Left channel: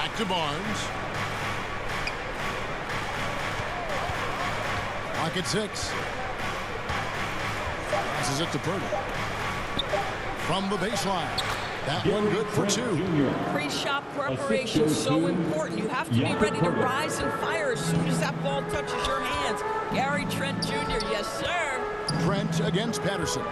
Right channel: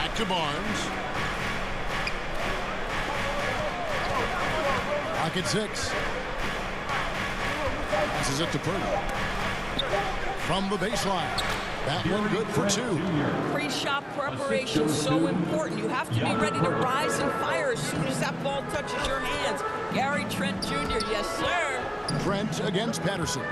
Back to Barnes. Clock at 6. Passes it to Pirtle. From the baseline. That one good for 2. Pre-shot preparation is so important. You have to be ready to rise and fire as soon as that ball touches your hands. Gary Trent Jr., yes, sir. Trent against Patterson.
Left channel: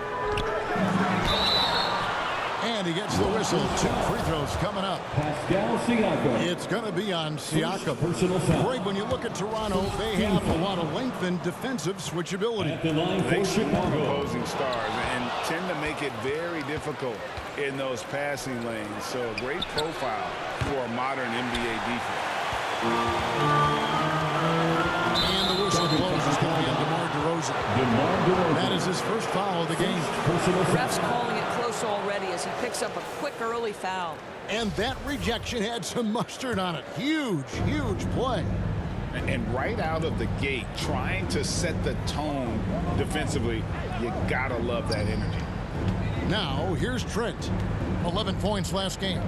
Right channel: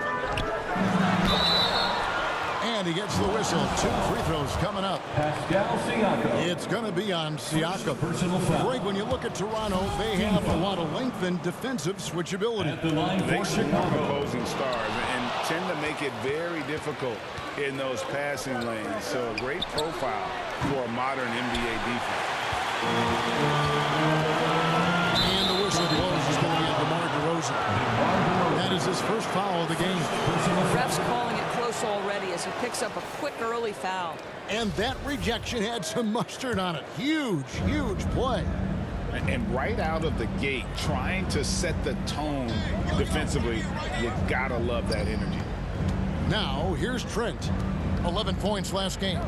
And he gets the whistle. 2 free throws coming up. Pascal Siakam. It's going to be on Siakam. Personal foul. Greg, when you look at Toronto, they have a lot of length and defensive switchability. At the line They for swarm Chicago. opposing stars and tend to make it very difficult in those passing lanes. So a great profile for a modern NBA defense. And the whistle blows is going to be on DeMar DeRozan. That is his first foul of the game. Personal foul. Ref's calling it close already as he picks up a quick early foul. And that rejection had some mustard on it. Huge, huge play. And right out of the gate, trying to set the tone defensively, you gotta love that energy. Now, here's Trent. 11 points last game.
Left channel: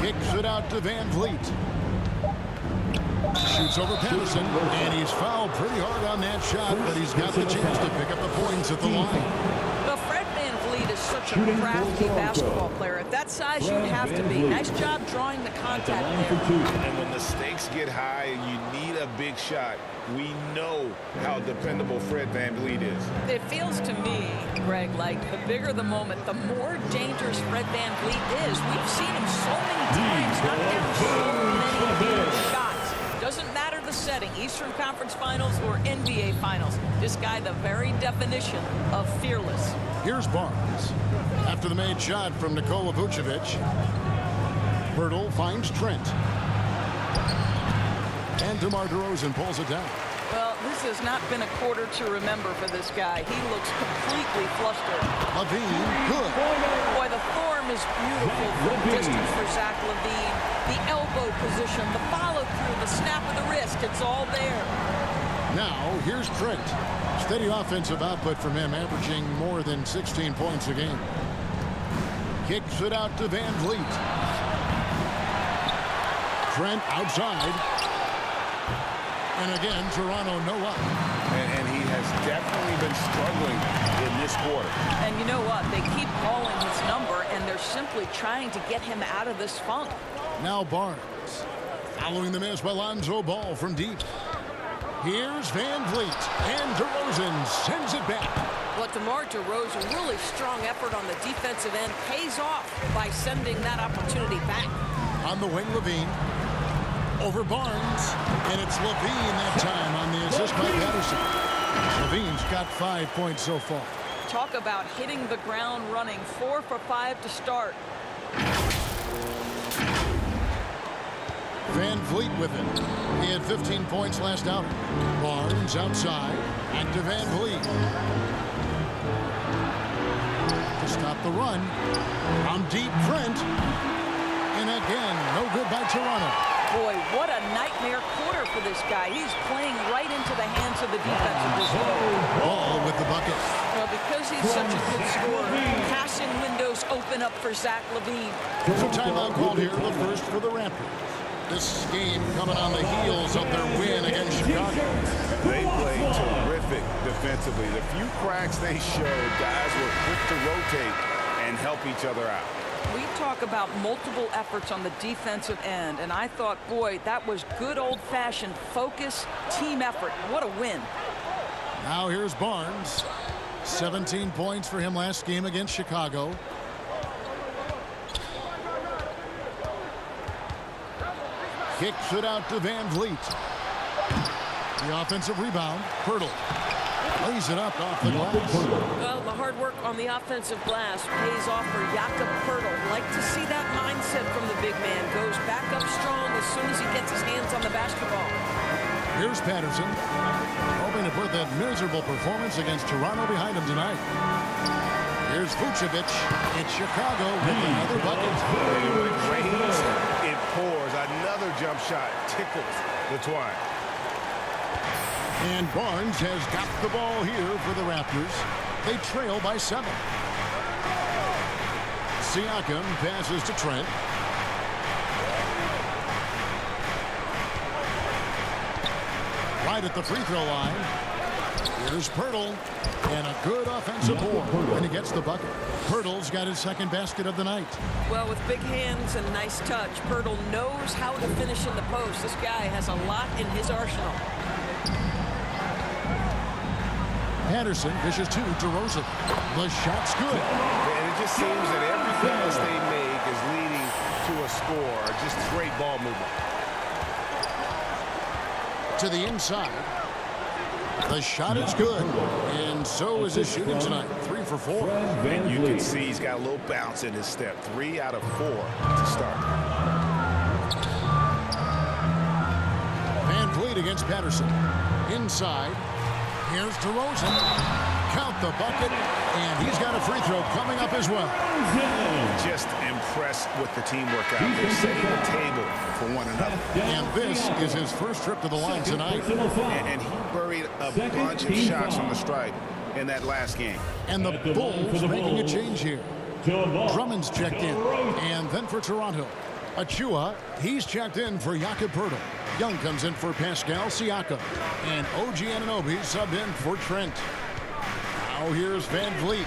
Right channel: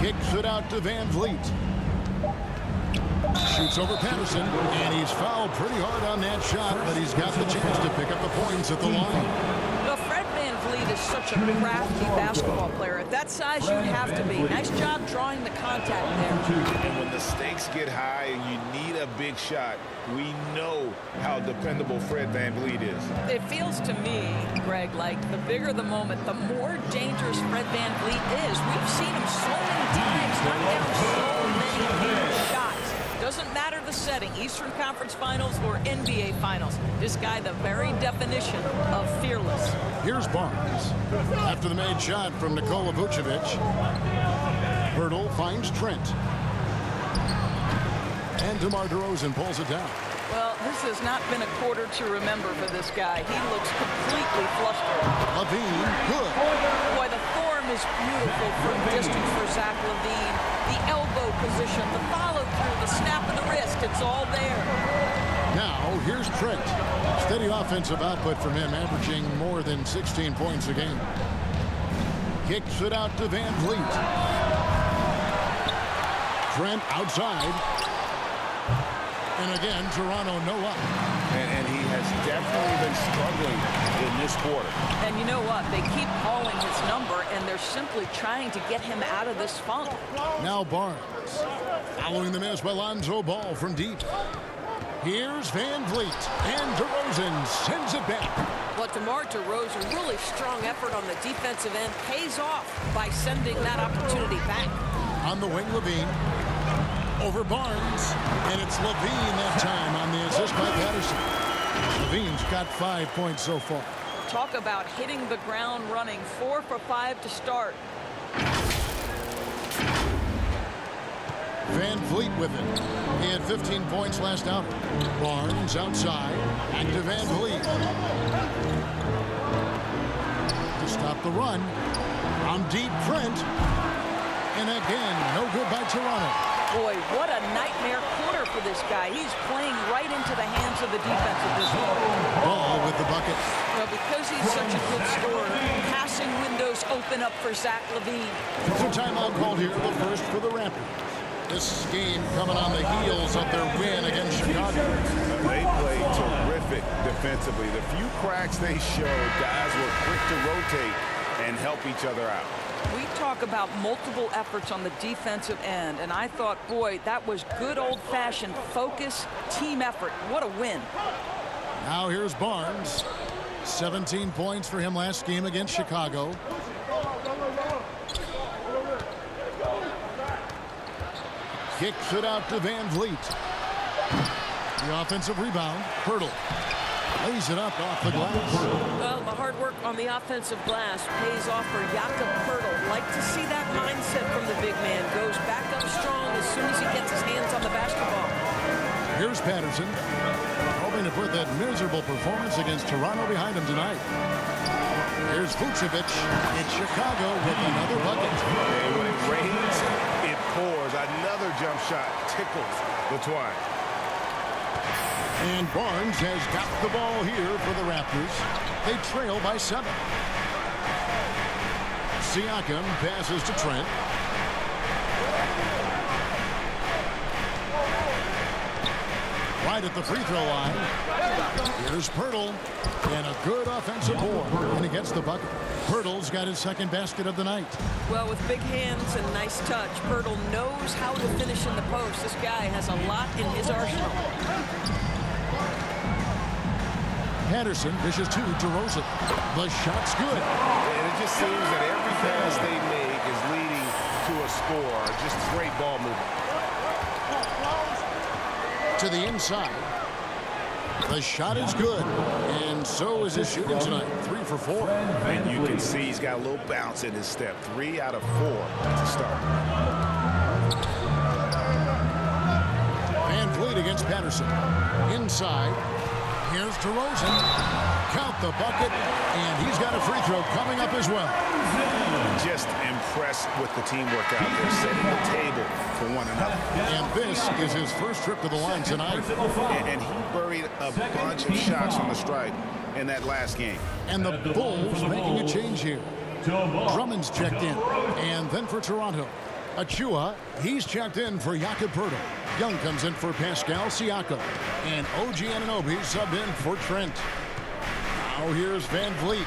Kicks it out to Van Vliet. Shoots over Patterson, and he's fouled pretty hard on that shot, but he's got the chance to pick up the points at the line. Well, Fred VanVleet is such a crafty basketball player. At that size, you'd have to be. Nice job drawing the contact there. And when the stakes get high and you need a big shot, we know how dependable Fred VanVleet is. It feels to me, Greg, like the bigger the moment, the more dangerous Fred VanVleet is. We've seen him so many times knock down so many huge shots. Doesn't matter the setting, Eastern Conference Finals or NBA Finals. This guy, the very definition of fearless. Here's Barnes. After the made shot from Nikola Vucevic, Pirtle finds Trent. And DeMar DeRozan pulls it down. Well, this has not been a quarter to remember for this guy. He looks completely flustered. LaVine, good. Boy, the form is beautiful from distance for Zach LaVine. The elbow position, the follow-through, the snap of the wrist, it's all there. Now, here's Trent. Steady offensive output from him, averaging more than 16 points a game. Kicks it out to Van Vliet. Trent outside. And again, Toronto no up. And he has definitely been struggling in this quarter. And you know what? They keep calling his number, and they're simply trying to get him out of this funk. Now Barnes. Following the miss by Lonzo Ball from deep. Here's Van Vliet. And DeRozan sends it back. But DeMar DeRozan, really strong effort on the defensive end, pays off by sending that opportunity back. On the wing, LaVine. Over Barnes, and it's LaVine that time on the assist by Patterson. LaVine's got 5 points so far. Talk about hitting the ground running. 4 for 5 to start. Van Vliet with it. He had 15 points last outing. Barnes outside. Back to Van Vliet. To stop the run. From deep, Trent. And again, no good by Toronto. Boy, what a nightmare quarter for this guy. He's playing right into the hands of the defense at this point. Ball with the bucket. Well, because he's such a good scorer, passing windows open up for Zach LaVine. So timeout called here, the first for the Raptors. This game coming on the heels of their win against Chicago. They played terrific defensively. The few cracks they showed, guys were quick to rotate and help each other out. We talk about multiple efforts on the defensive end, and I thought, boy, that was good old-fashioned focus, team effort. What a win. Now here's Barnes. 17 points for him last game against Chicago. Kicks it out to Van Vliet. The offensive rebound, Pirtle. Lays it up off the glass. Well, the hard work on the offensive glass pays off for Jakob Pirtle. Like to see that mindset from the big man. Goes back up strong as soon as he gets his hands on the basketball. Here's Patterson, hoping to put that miserable performance against Toronto behind him tonight. Here's Vucevic. It's Chicago with another bucket. And when it rains, it pours. Another jump shot tickles the twine. And Barnes has got the ball here for the Raptors. They trail by 7. Siakam passes to Trent. Right at the free throw line. Here's Poeltl. And a good offensive board. And he gets the bucket. Poeltl's got his second basket of the night. Well, with big hands and nice touch, Poeltl knows how to finish in the post. This guy has a lot in his arsenal. Patterson dishes to DeRozan. The shot's good. And it just seems that every pass they make is leading to a score. Just great ball movement. To the inside. The shot is good. And so is his shooting tonight. 3 for 4. And you can see he's got a little bounce in his step. 3 out of 4 to start. Van Vliet against Patterson. Inside. Here's DeRozan. Count the bucket. And he's got a free throw coming up as well. Just impressed with the teamwork out there, setting the table for one another. And this is his first trip to the line tonight. And he buried a bunch of shots from the stripe in that last game. And the Bulls making a change here. Drummond's checked in. And then for Toronto, Achua, he's checked in for Jakob Poeltl. Young comes in for Pascal Siakam. And OG Anunoby subbed in for Trent. Now here's Van Vliet.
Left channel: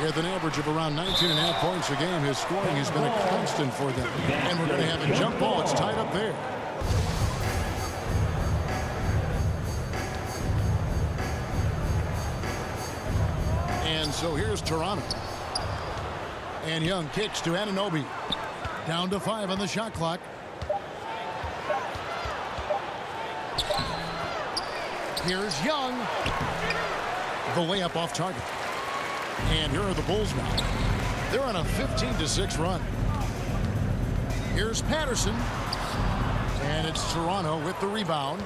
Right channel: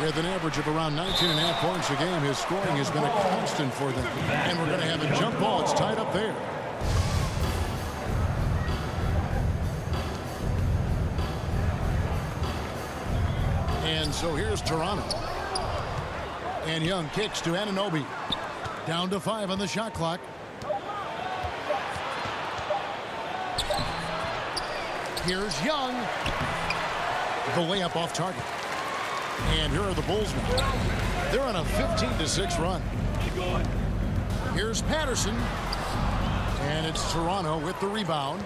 With an average of around 19.5 points a game, his scoring has been a constant for them. And we're going to have a jump ball. It's tied up there. And so here's Toronto. And Young kicks to Anunoby. Down to 5 on the shot clock. Here's Young. The layup off target. And here are the Bulls now. They're on a 15-6 run. Here's Patterson. And it's Toronto with the rebound.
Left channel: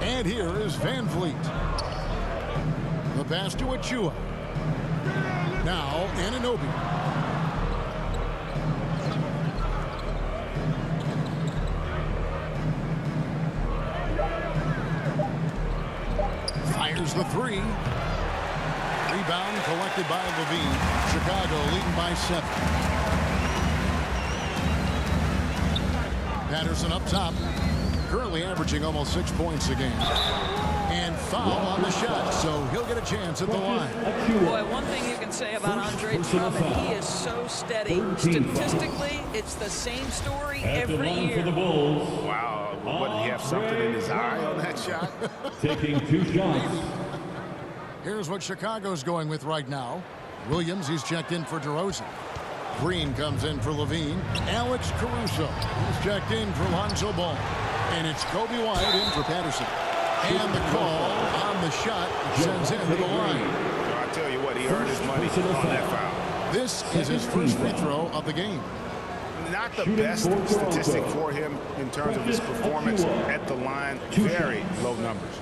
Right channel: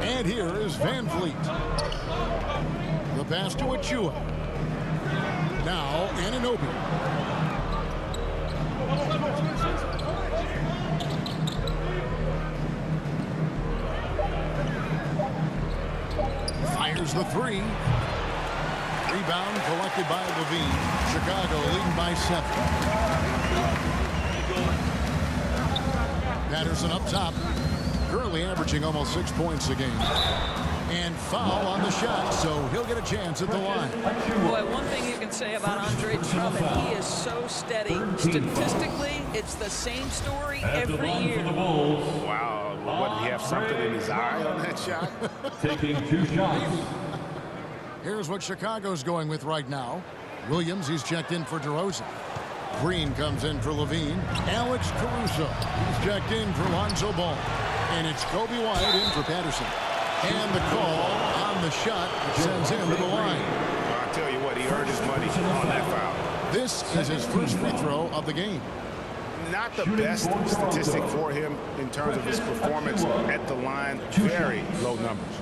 And here is Van Vliet. The pass to Achua. Now Anunoby. Fires the 3. Rebound collected by Levine. Chicago leading by 7. Patterson up top. Currently averaging almost 6 points a game. And foul on the shot, so he'll get a chance at the line. Boy, one thing you can say about Andre Drummond, he is so steady. Statistically, it's the same story every year. Wow, what, did he have something in his eye on that shot? Taking 2 shots. Here's what Chicago's going with right now. Williams, he's checked in for DeRozan. Green comes in for Levine. Alex Caruso, he's checked in for Lonzo Ball. And it's Kobe White in for Patterson. And the call on the shot sends him to the line. Well, I tell you what, he earned his money on that foul. This is his first free throw of the game. Not the best statistic for him in terms of his performance at the line. Very low numbers.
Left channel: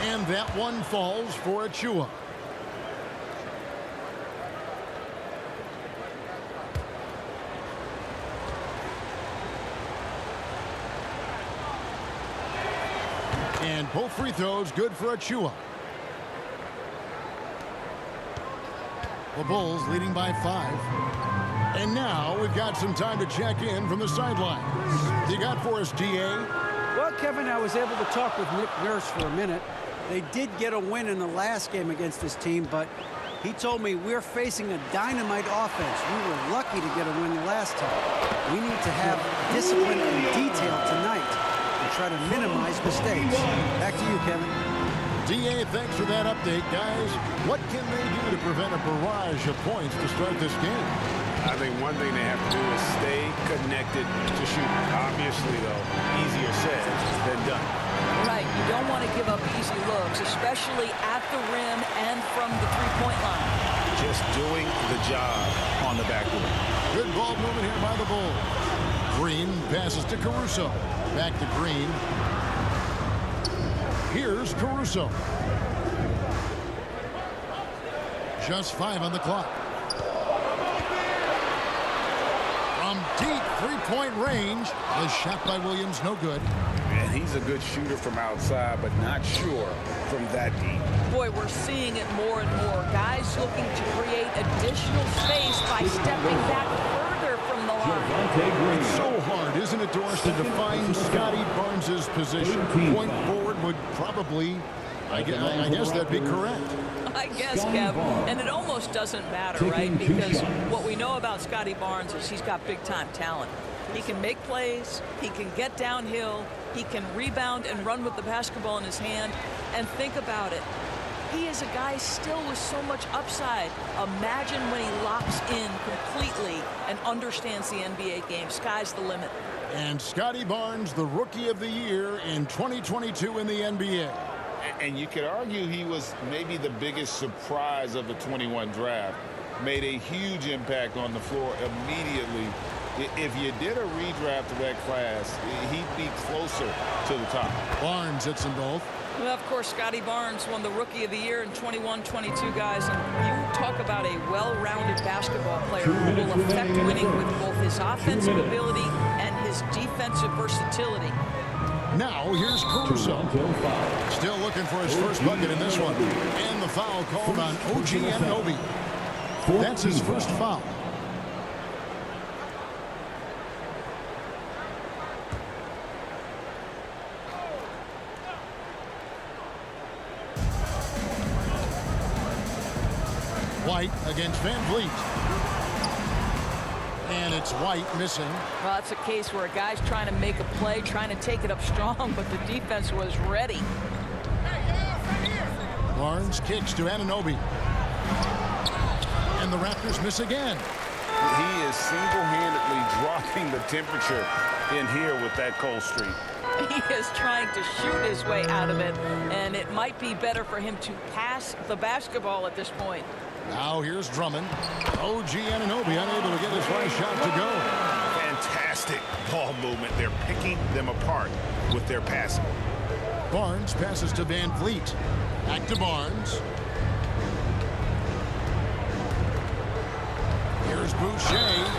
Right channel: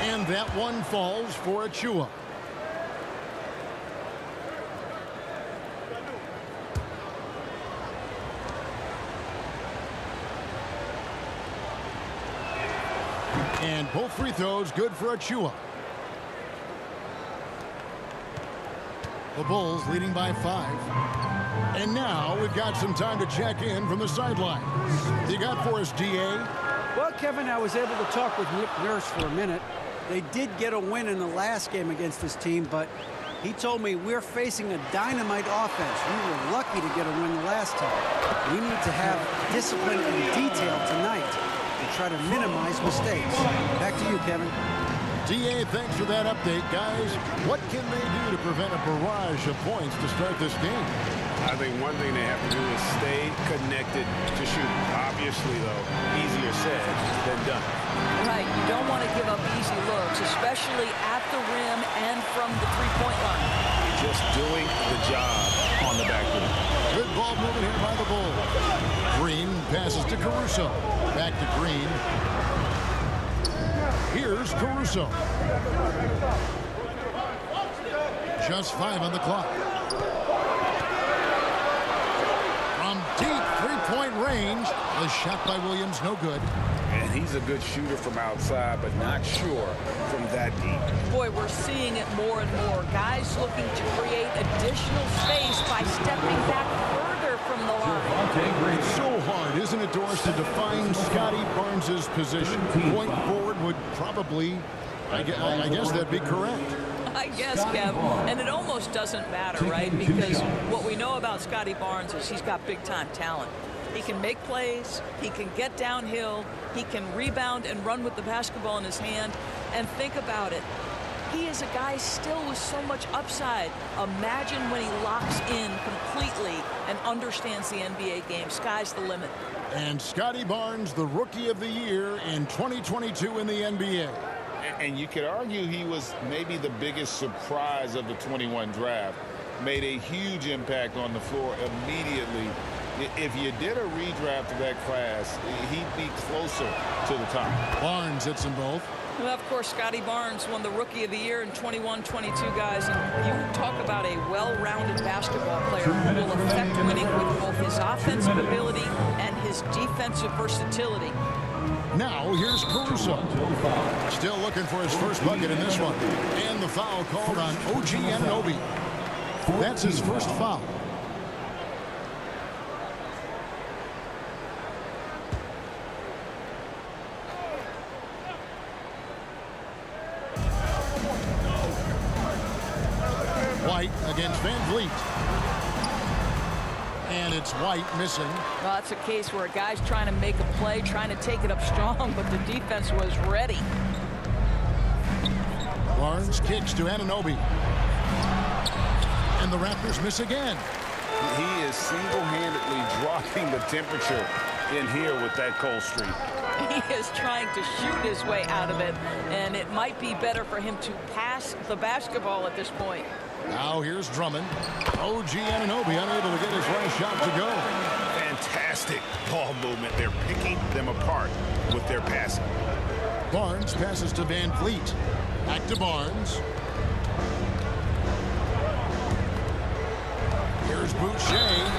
And that one falls for Achua. And both free throws good for Achua. The Bulls leading by 5. And now we've got some time to check in from the sidelines. You got for us, DA? Well, Kevin, I was able to talk with Nick Nurse for a minute. They did get a win in the last game against this team, but he told me we're facing a dynamite offense. We were lucky to get a win the last time. We need to have discipline and detail tonight and try to minimize mistakes. Back to you, Kevin. DA, thanks for that update, guys. What can they do to prevent a barrage of points to start this game? I think one thing they have to do is stay connected to shooters. Obviously, though, easier said than done. Right, you don't want to give up easy looks, especially at the rim and from the three-point line. Just doing the job on the backboard. Good ball movement here by the Bulls. Green passes to Caruso. Back to Green. Here's Caruso. Just 5 on the clock. Deep three-point range. The shot by Williams, no good. And he's a good shooter from outside, but not sure from that deep. Boy, we're seeing it more and more. Guys looking to create additional space by stepping back further from the line. It's so hard, isn't it, Doris, to define Scotty Barnes' position? Point forward would probably, I guess that'd be correct. I guess, Kev, and it almost doesn't matter, right? Because what we know about Scotty Barnes is he's got big-time talent. He can make plays, he can get downhill, he can rebound and run with the basketball in his hand. And think about it. He is a guy still with so much upside. Imagine when he locks in completely and understands the NBA game. Sky's the limit. And Scotty Barnes, the Rookie of the Year in 2022 in the NBA. And you could argue he was maybe the biggest surprise of the 21 draft. Made a huge impact on the floor immediately. If you did a redraft of that class, he'd be closer to the top. Barnes hits them both. Well, of course, Scotty Barnes won the Rookie of the Year in 21-22, guys. And you talk about a well-rounded basketball player who will affect winning with both his offensive ability and his defensive versatility. Now, here's Caruso. Still looking for his first bucket in this one. And the foul called on OG Anunoby. That's his first foul. White against Van Vliet. And it's White missing. Well, it's a case where a guy's trying to make a play, trying to take it up strong, but the defense was ready. Barnes kicks to Anunoby. And the Raptors miss again. He is single-handedly dropping the temperature in here with that cold streak. He is trying to shoot his way out of it, and it might be better for him to pass the basketball at this point. Now here's Drummond. OG Anunoby unable to get his last shot to go. Fantastic ball movement. They're picking them apart with their passing. Barnes passes to Van Vliet. Back to Barnes. Here's Boucher.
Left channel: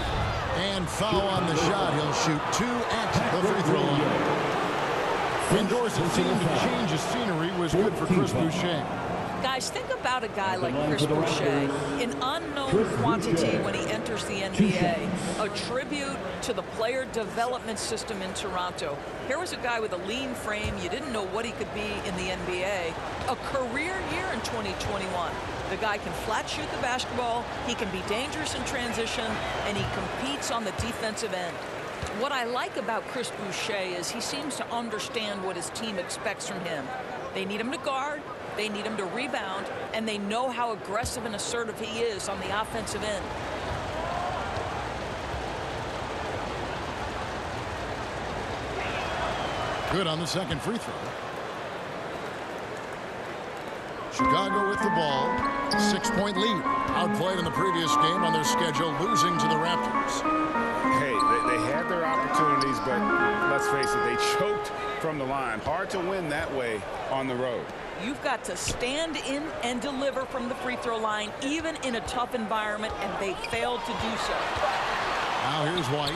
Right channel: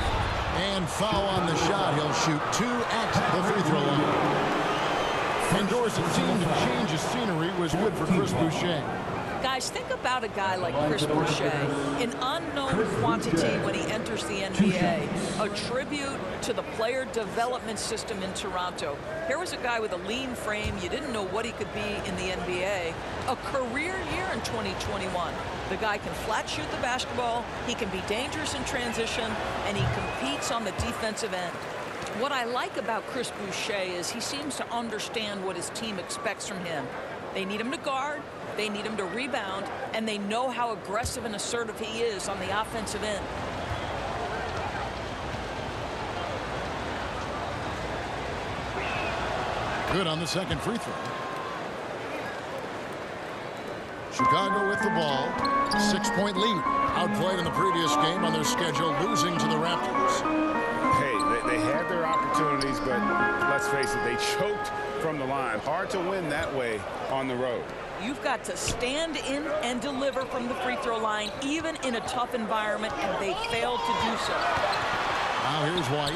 And foul on the shot. He'll shoot 2 at the free throw line. And Doris, it seemed to change the scenery was good for Chris Boucher. Guys, think about a guy like Chris Boucher, an unknown quantity when he enters the NBA, a tribute to the player development system in Toronto. Here was a guy with a lean frame. You didn't know what he could be in the NBA. A career year in 2021. The guy can flat shoot the basketball, he can be dangerous in transition, and he competes on the defensive end. What I like about Chris Boucher is he seems to understand what his team expects from him. They need him to guard. They need him to rebound, and they know how aggressive and assertive he is on the offensive end. Good on the second free throw. Chicago with the ball. 6-point lead. Outplayed in the previous game on their schedule, losing to the Raptors. Hey, they had their opportunities, but let's face it, they choked from the line. Hard to win that way on the road. You've got to stand in and deliver from the free throw line, even in a tough environment, and they failed to do so. Now here's White.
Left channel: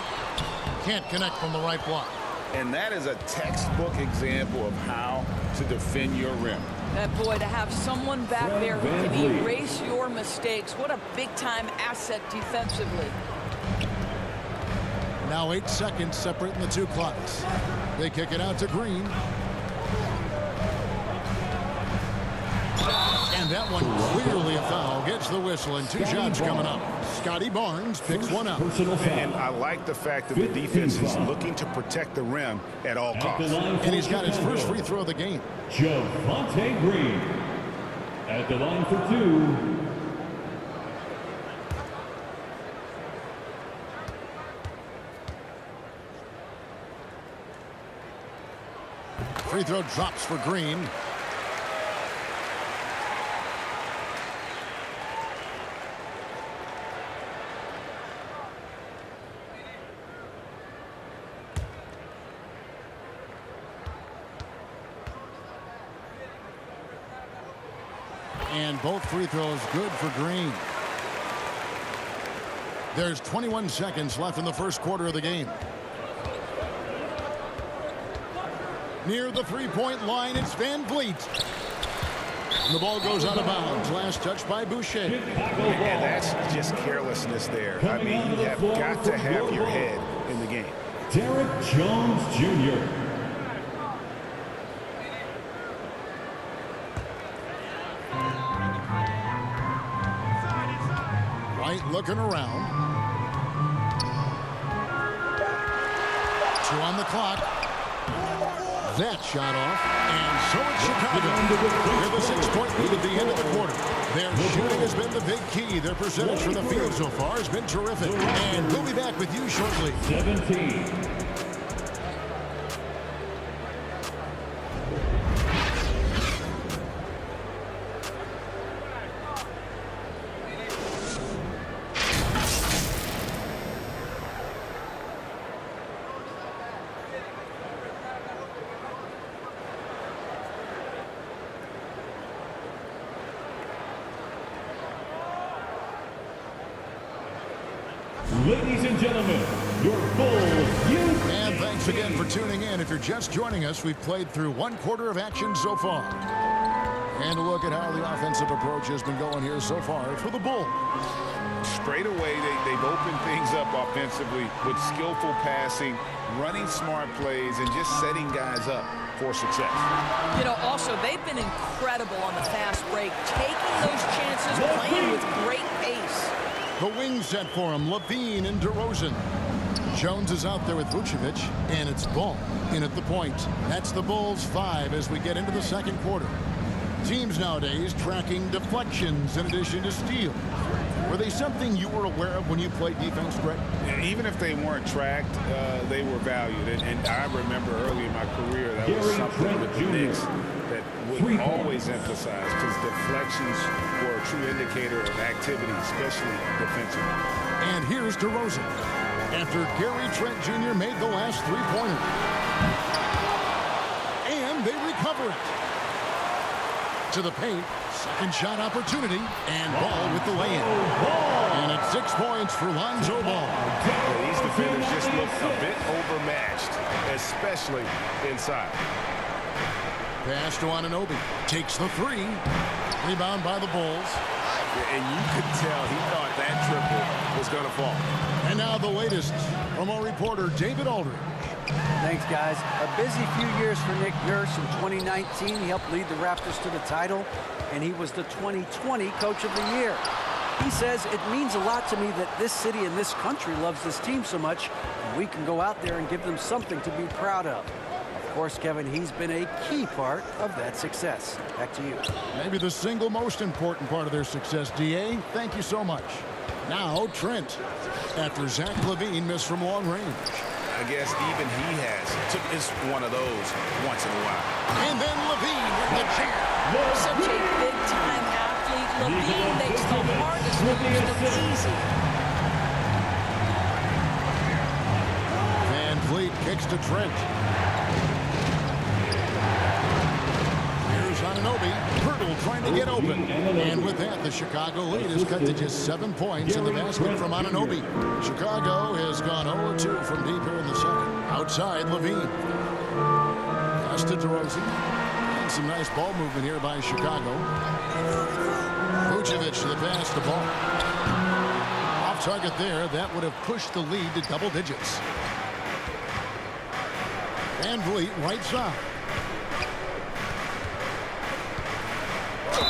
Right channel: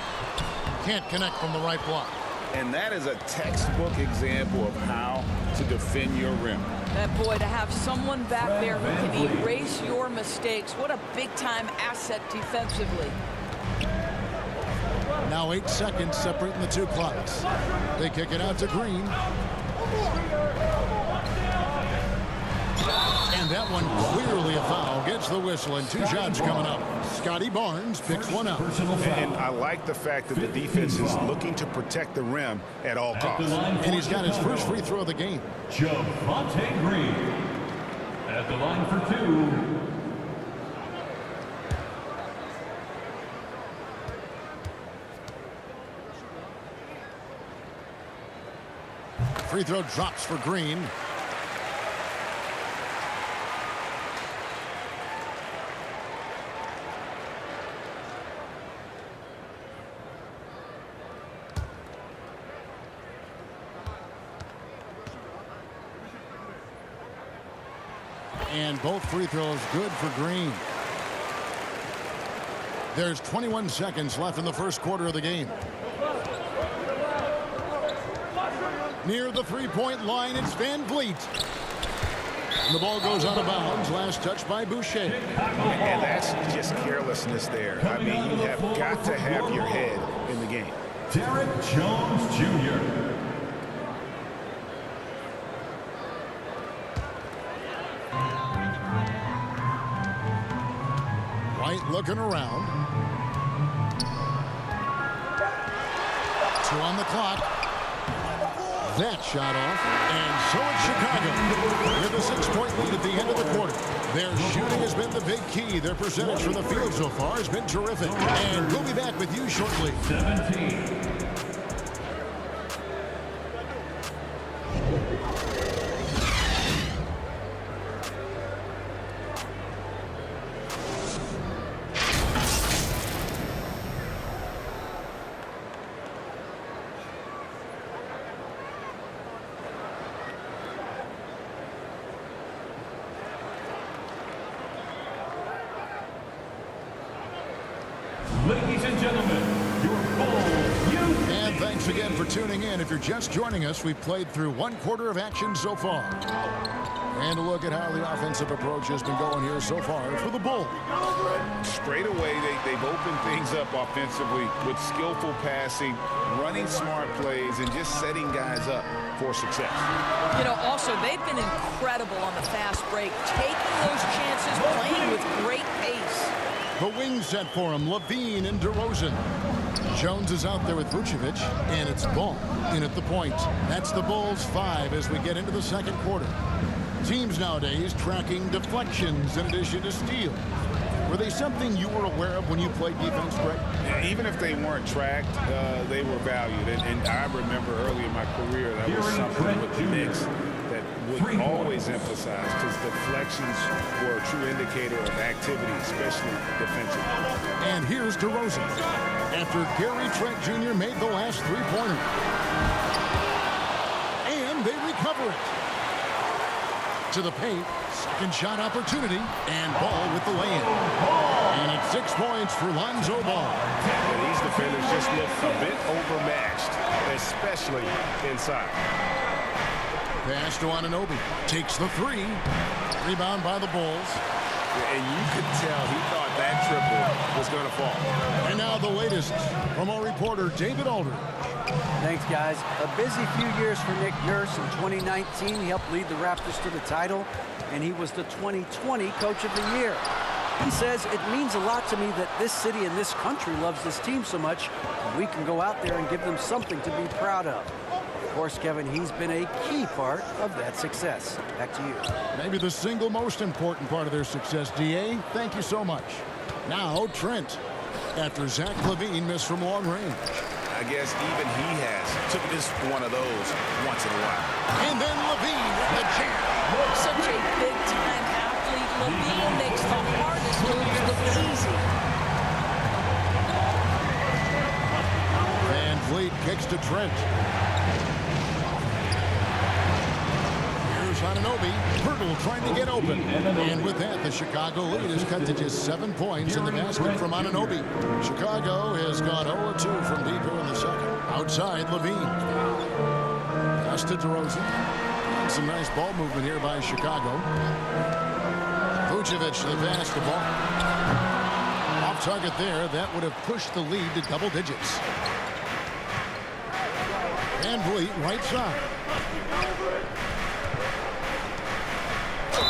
Can't connect from the right block. And that is a textbook example of how to defend your rim. That boy, to have someone back there who can erase your mistakes, what a big-time asset defensively. Now 8 seconds separating the two clocks. They kick it out to Green. And that one clearly a foul. Gets the whistle, and 2 shots coming up. Scotty Barnes picks one up. And I like the fact that the defense is looking to protect the rim at all costs. And he's got his first free throw of the game. Javonte Green at the line for 2. Free throw drops for Green. And both free throws good for Green. There's 21 seconds left in the first quarter of the game. Near the three-point line, it's Van Vliet. And the ball goes out of bounds. Last touch by Boucher. And that's just carelessness there. I mean, you have got to have your head in the game. Derek Jones Jr. White looking around. 2 on the clock. That shot off, and so it's Chicago with a 6-point lead at the end of the quarter. Their shooting has been the big key. Their percentage from the field so far has been terrific. And we'll be back with you shortly. 17. Ladies and gentlemen, your Bulls youth. And thanks again for tuning in. If you're just joining us, we've played through 1 quarter of action so far. And a look at how the offensive approach has been going here so far for the Bulls. Straight away, they've opened things up offensively with skillful passing, running smart plays, and just setting guys up for success. You know, also, they've been incredible on the fast break, taking those chances, playing with great pace. The wing set for him, Levine and DeRozan. Jones is out there with Vucevic, and it's Ball in at the point. That's the Bulls 5 as we get into the second quarter. Teams nowadays tracking deflections in addition to steals. Were they something you were aware of when you played defense, Greg? Even if they weren't tracked, they were valued. And I remember early in my career that was something with the Knicks that would always emphasize, because deflections were a true indicator of activity, especially defensively. And here's DeRozan after Gary Trent Jr. made the last three-pointer. And they recover it. To the paint, second shot opportunity, and Ball with the lay-in. And it's 6 points for Lonzo Ball. Yeah, these defenders just look a bit overmatched, especially inside. Pass to Anunoby. Takes the 3. Rebound by the Bulls. Yeah, and you could tell he thought that triple was going to fall. And now the latest from our reporter, David Aldridge. Thanks, guys. A busy few years for Nick Nurse. In 2019, he helped lead the Raptors to the title, and he was the 2020 Coach of the Year. He says, it means a lot to me that this city and this country loves this team so much, and we can go out there and give them something to be proud of. Of course, Kevin, he's been a key part of that success. Back to you. Maybe the single most important part of their success, D.A. Thank you so much. Now, Trent, after Zach LaVine missed from long range. I guess even he has to miss one of those once in a while. And then LaVine with the jam. Such a big-time athlete. LaVine makes the hardest moves look easy. Van Vliet kicks to Trent. Here's Anunoby. Pirtle trying to get open. And with that, the Chicago lead is cut to just 7 points in the basket from Anunoby. Chicago has gone 0-2 from deep here in the second. Outside, LaVine. Pass to DeRozan. And some nice ball movement here by Chicago. Vucevic to the pass, the ball. Off target there. That would have pushed the lead to double digits. Van Vliet, right side.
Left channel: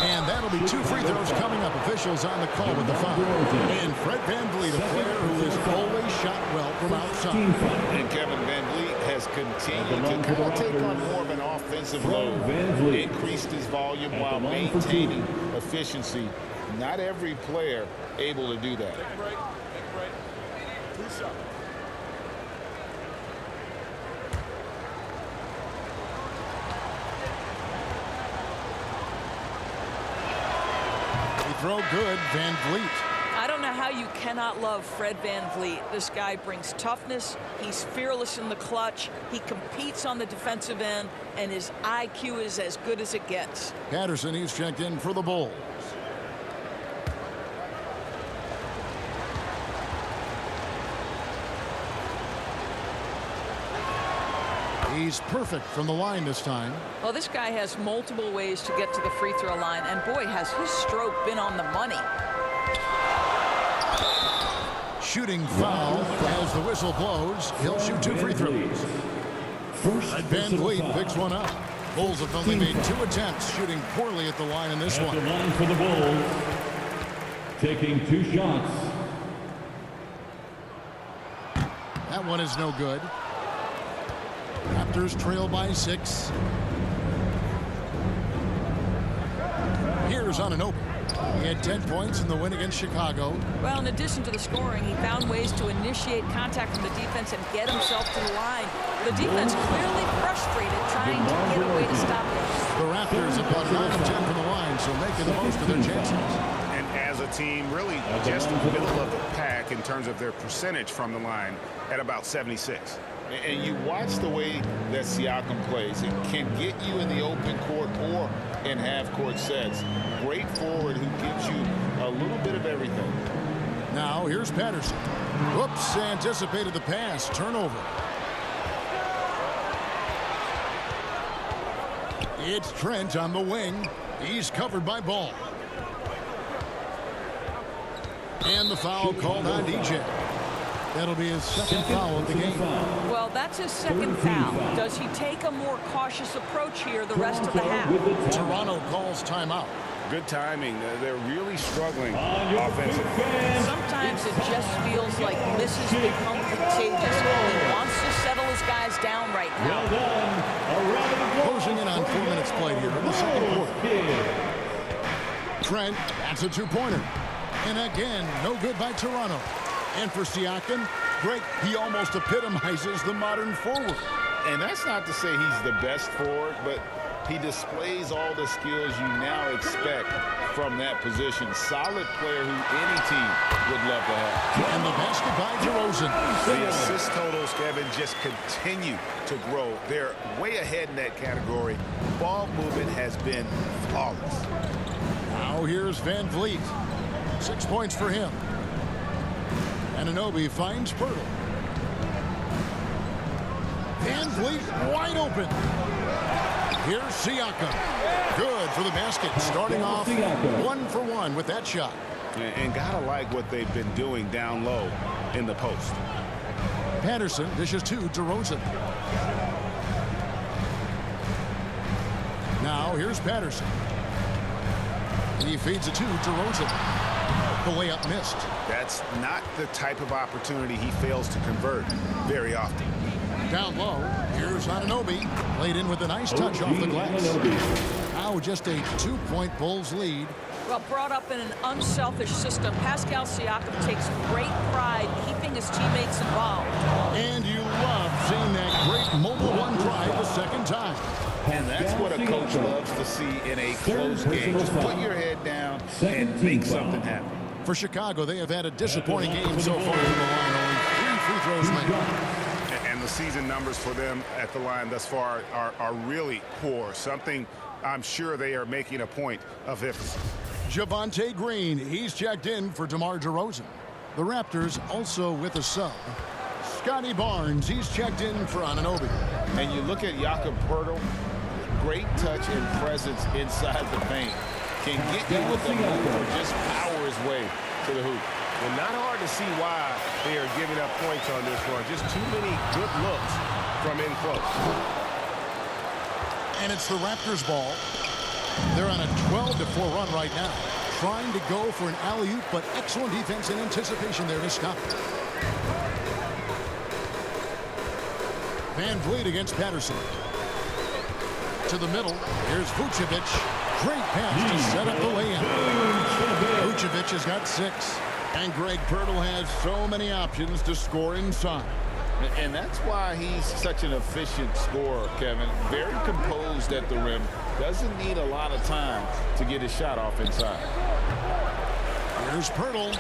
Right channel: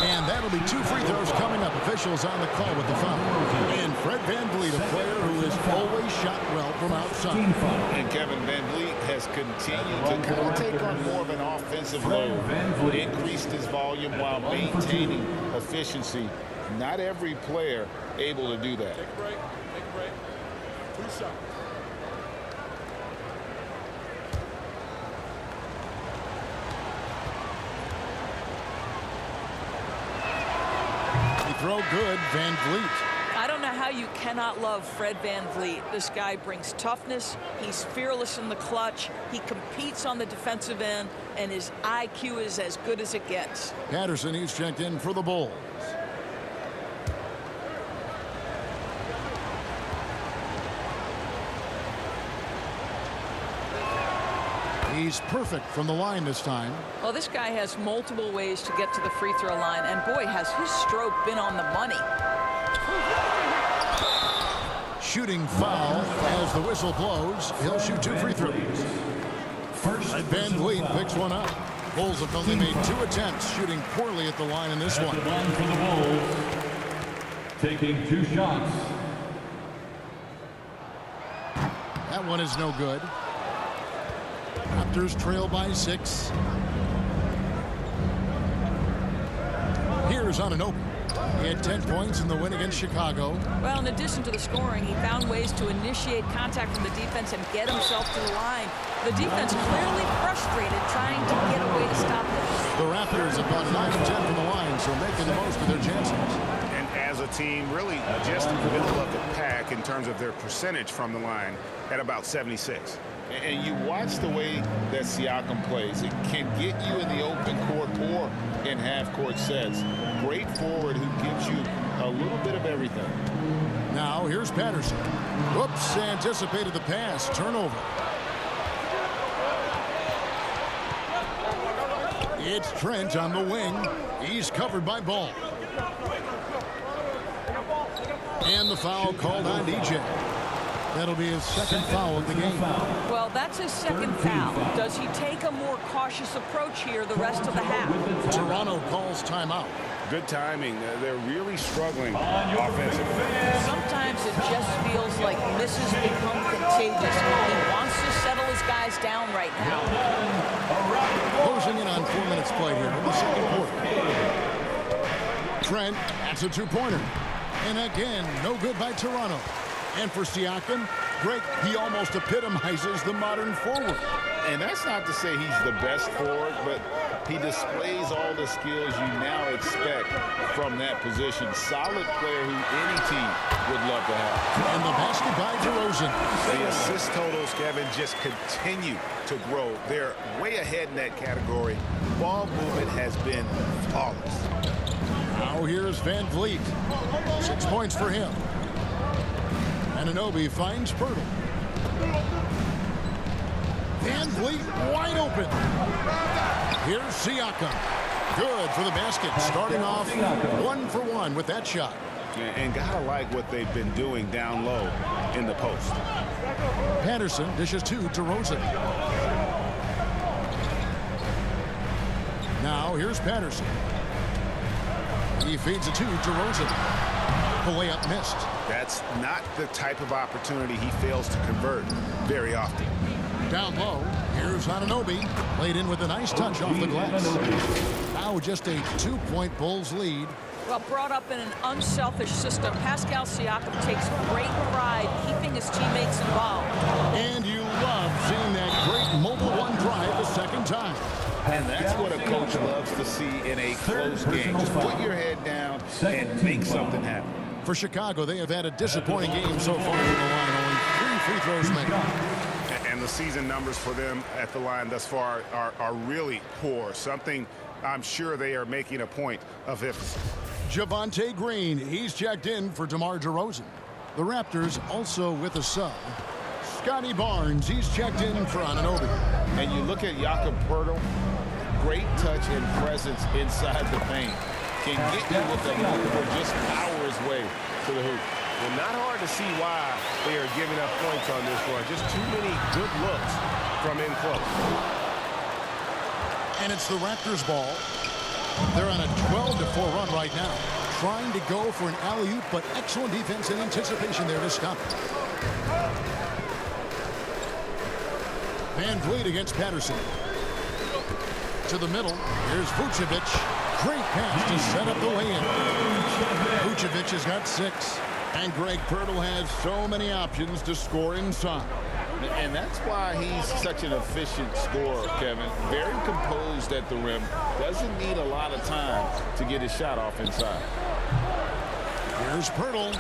And that'll be 2 free throws coming up. Officials on the call with the foul. And Fred Van Vliet, a player who has always shot well from outside. And Kevin Van Vliet has continued to kind of take on more of an offensive load. Increased his volume while maintaining efficiency. Not every player able to do that. Take a break. Take a break. 2 shots. Throw good, Van Vliet. I don't know how you cannot love Fred Van Vliet. This guy brings toughness. He's fearless in the clutch. He competes on the defensive end, and his IQ is as good as it gets. Patterson, he's checked in for the Bulls. He's perfect from the line this time. Well, this guy has multiple ways to get to the free throw line, and boy, has his stroke been on the money. Shooting foul as the whistle blows. He'll shoot 2 free throws. Van Vliet picks one up. Bulls have only made 2 attempts, shooting poorly at the line in this one. At the line for the Bulls, taking 2 shots. That one is no good. Raptors trail by 6. Here's Anunoby. He had 10 points in the win against Chicago. Well, in addition to the scoring, he found ways to initiate contact from the defense and get himself to the line. The defense clearly frustrated trying to get a way to stop him. The Raptors have gone 9 of 10 from the line, so making the most of their chances. And as a team, really just middle of the pack in terms of their percentage from the line at about 76. And you watch the way that Siakam plays. It can get you in the open court or in half-court sets. Great forward who gives you a little bit of everything. Now here's Patterson. Whoops, anticipated the pass. Turnover. It's Trent on the wing. He's covered by Ball. And the foul called on DJ. That'll be his second foul of the game. Well, that's his second foul. Does he take a more cautious approach here the rest of the half? Toronto calls timeout. Good timing. They're really struggling offensively. Sometimes it just feels like misses become contagious. He wants to settle his guys down right now. Closing in on 4 minutes played here in the second quarter. Trent, that's a 2-pointer. And again, no good by Toronto. And for Siakam, Greg, he almost epitomizes the modern forward. And that's not to say he's the best forward, but he displays all the skills you now expect from that position. Solid player who any team would love to have. And the basket by DeRozan. The assist totals, Kevin, just continue to grow. They're way ahead in that category. Ball movement has been flawless. Now here's Van Vliet. 6 points for him. Anunoby finds Pirtle. Van Vliet wide open. Here's Siakam. Good for the basket. Starting off 1 for 1 with that shot. And gotta like what they've been doing down low in the post. Patterson dishes to DeRozan. Now here's Patterson. He feeds it to DeRozan. The layup missed. That's not the type of opportunity he fails to convert very often. Down low, here's Anunoby. Played in with a nice touch off the glass. Now just a 2-point Bulls lead. Well, brought up in an unselfish system, Pascal Siakam takes great pride keeping his teammates involved. And you love seeing that great mobile one drive a second time. And that's what a coach loves to see in a close game. Just put your head down and make something happen. For Chicago, they have had a disappointing game so far from the line. Only 3 free throws made. And the season numbers for them at the line thus far are really poor. Something I'm sure they are making a point of emphasis. Javonte Green, he's checked in for DeMar DeRozan. The Raptors also with a sub. Scotty Barnes, he's checked in for Anunoby. And you look at Jakob Poeltl, great touch and presence inside the paint. Can get you with a move or just power his way to the hoop. Well, not hard to see why they are giving up points on this run. Just too many good looks from in close. And it's the Raptors ball. They're on a 12-4 run right now. Trying to go for an alley-oop, but excellent defense and anticipation there to stop it. Van Vliet against Patterson. To the middle. Here's Vucevic. Great pass to set up the lay-in. Vucevic has got 6. And Greg Pirtle has so many options to score inside. And that's why he's such an efficient scorer, Kevin. Very composed at the rim. Doesn't need a lot of time to get his shot off inside. Here's Pirtle.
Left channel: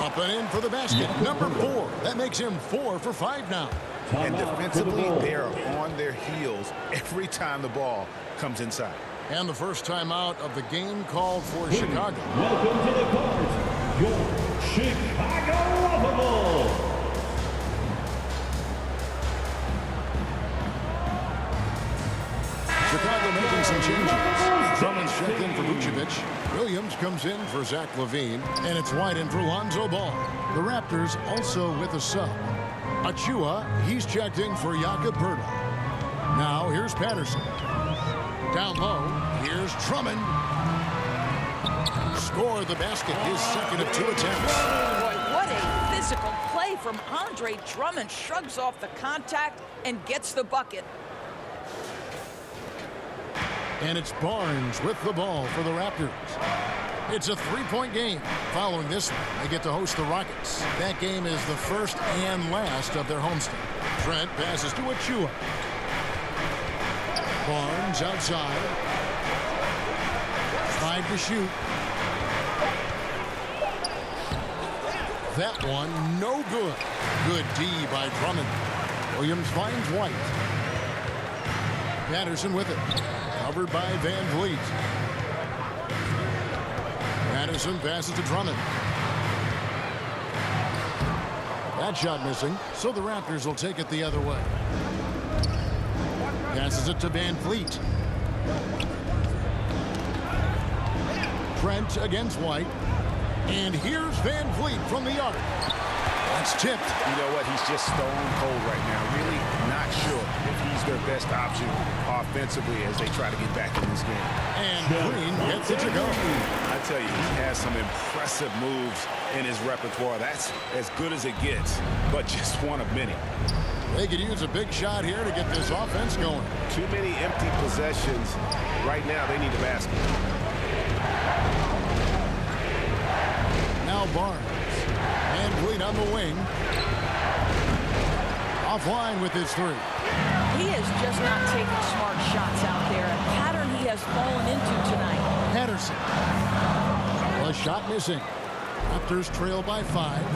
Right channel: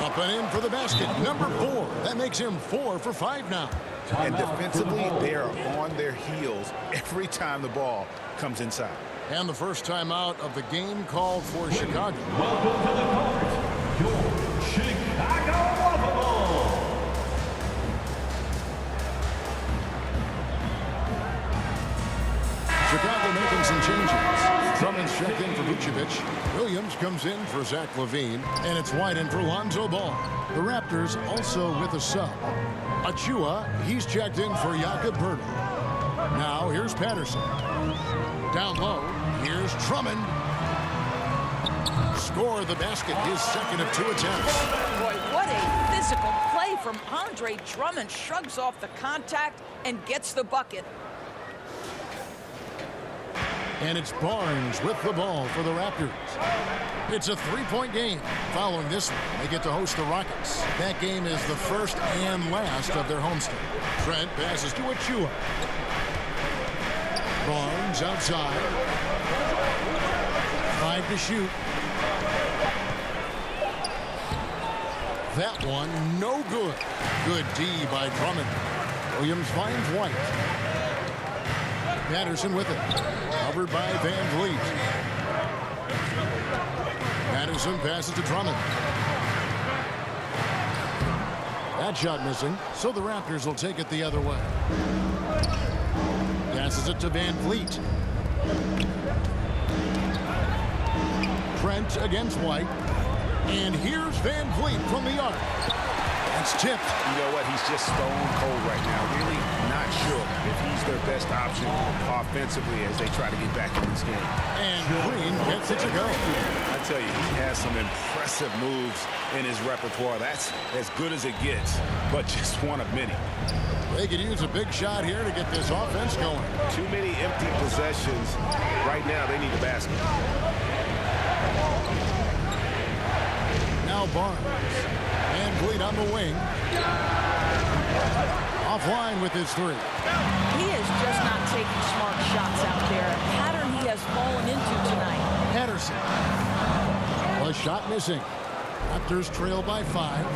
Up and in for the basket. Number 4. That makes him 4 for 5 now. And defensively, they are on their heels every time the ball comes inside. And the first timeout of the game called for Chicago. Welcome to the court, your Chicago Bulls. Chicago making some changes. Drummond's checked in for Vucevic. Williams comes in for Zach LaVine. And it's White in for Lonzo Ball. The Raptors also with a sub. Achua, he's checked in for Jakob Poeltl. Now here's Patterson. Down low, here's Drummond. Score the basket, his second of 2 attempts. Boy, what a physical play from Andre Drummond. Shrugs off the contact and gets the bucket. And it's Barnes with the ball for the Raptors. It's a 3-point game. Following this one, they get to host the Rockets. That game is the first and last of their homestand. Trent passes to Achua. Barnes outside. 5 to shoot. That one, no good. Good D by Drummond. Williams finds White. Patterson with it. Covered by Van Vliet. Patterson passes to Drummond. That shot missing, so the Raptors will take it the other way. Passes it to Van Vliet. Trent against White. And here's Van Vliet from the arc. That's tipped. You know what? He's just stone cold right now. Really not sure if he's their best option offensively as they try to get back in this game. And Green gets it to go. I tell you, he has some impressive moves in his repertoire. That's as good as it gets, but just one of many. They could use a big shot here to get this offense going. Too many empty possessions. Right now, they need a basket. Now Barnes. Van Vliet on the wing. Offline with his 3. He is just not taking smart shots out there. A pattern he has fallen into tonight. Patterson. A shot missing. Raptors trail by 5.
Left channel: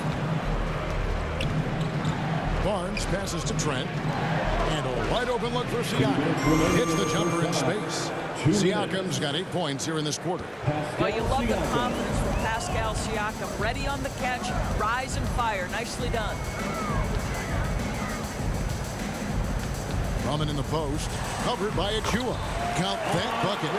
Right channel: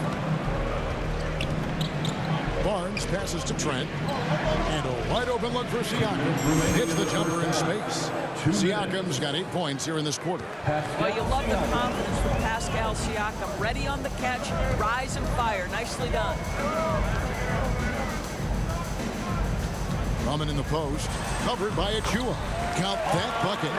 Barnes passes to Trent. And a wide open look for Siakam. Hits the jumper in space. Siakam's got 8 points here in this quarter. Well, you love the confidence from Pascal Siakam. Ready on the catch, rise and fire. Nicely done. Drummond in the post. Covered by Achua. Count that bucket.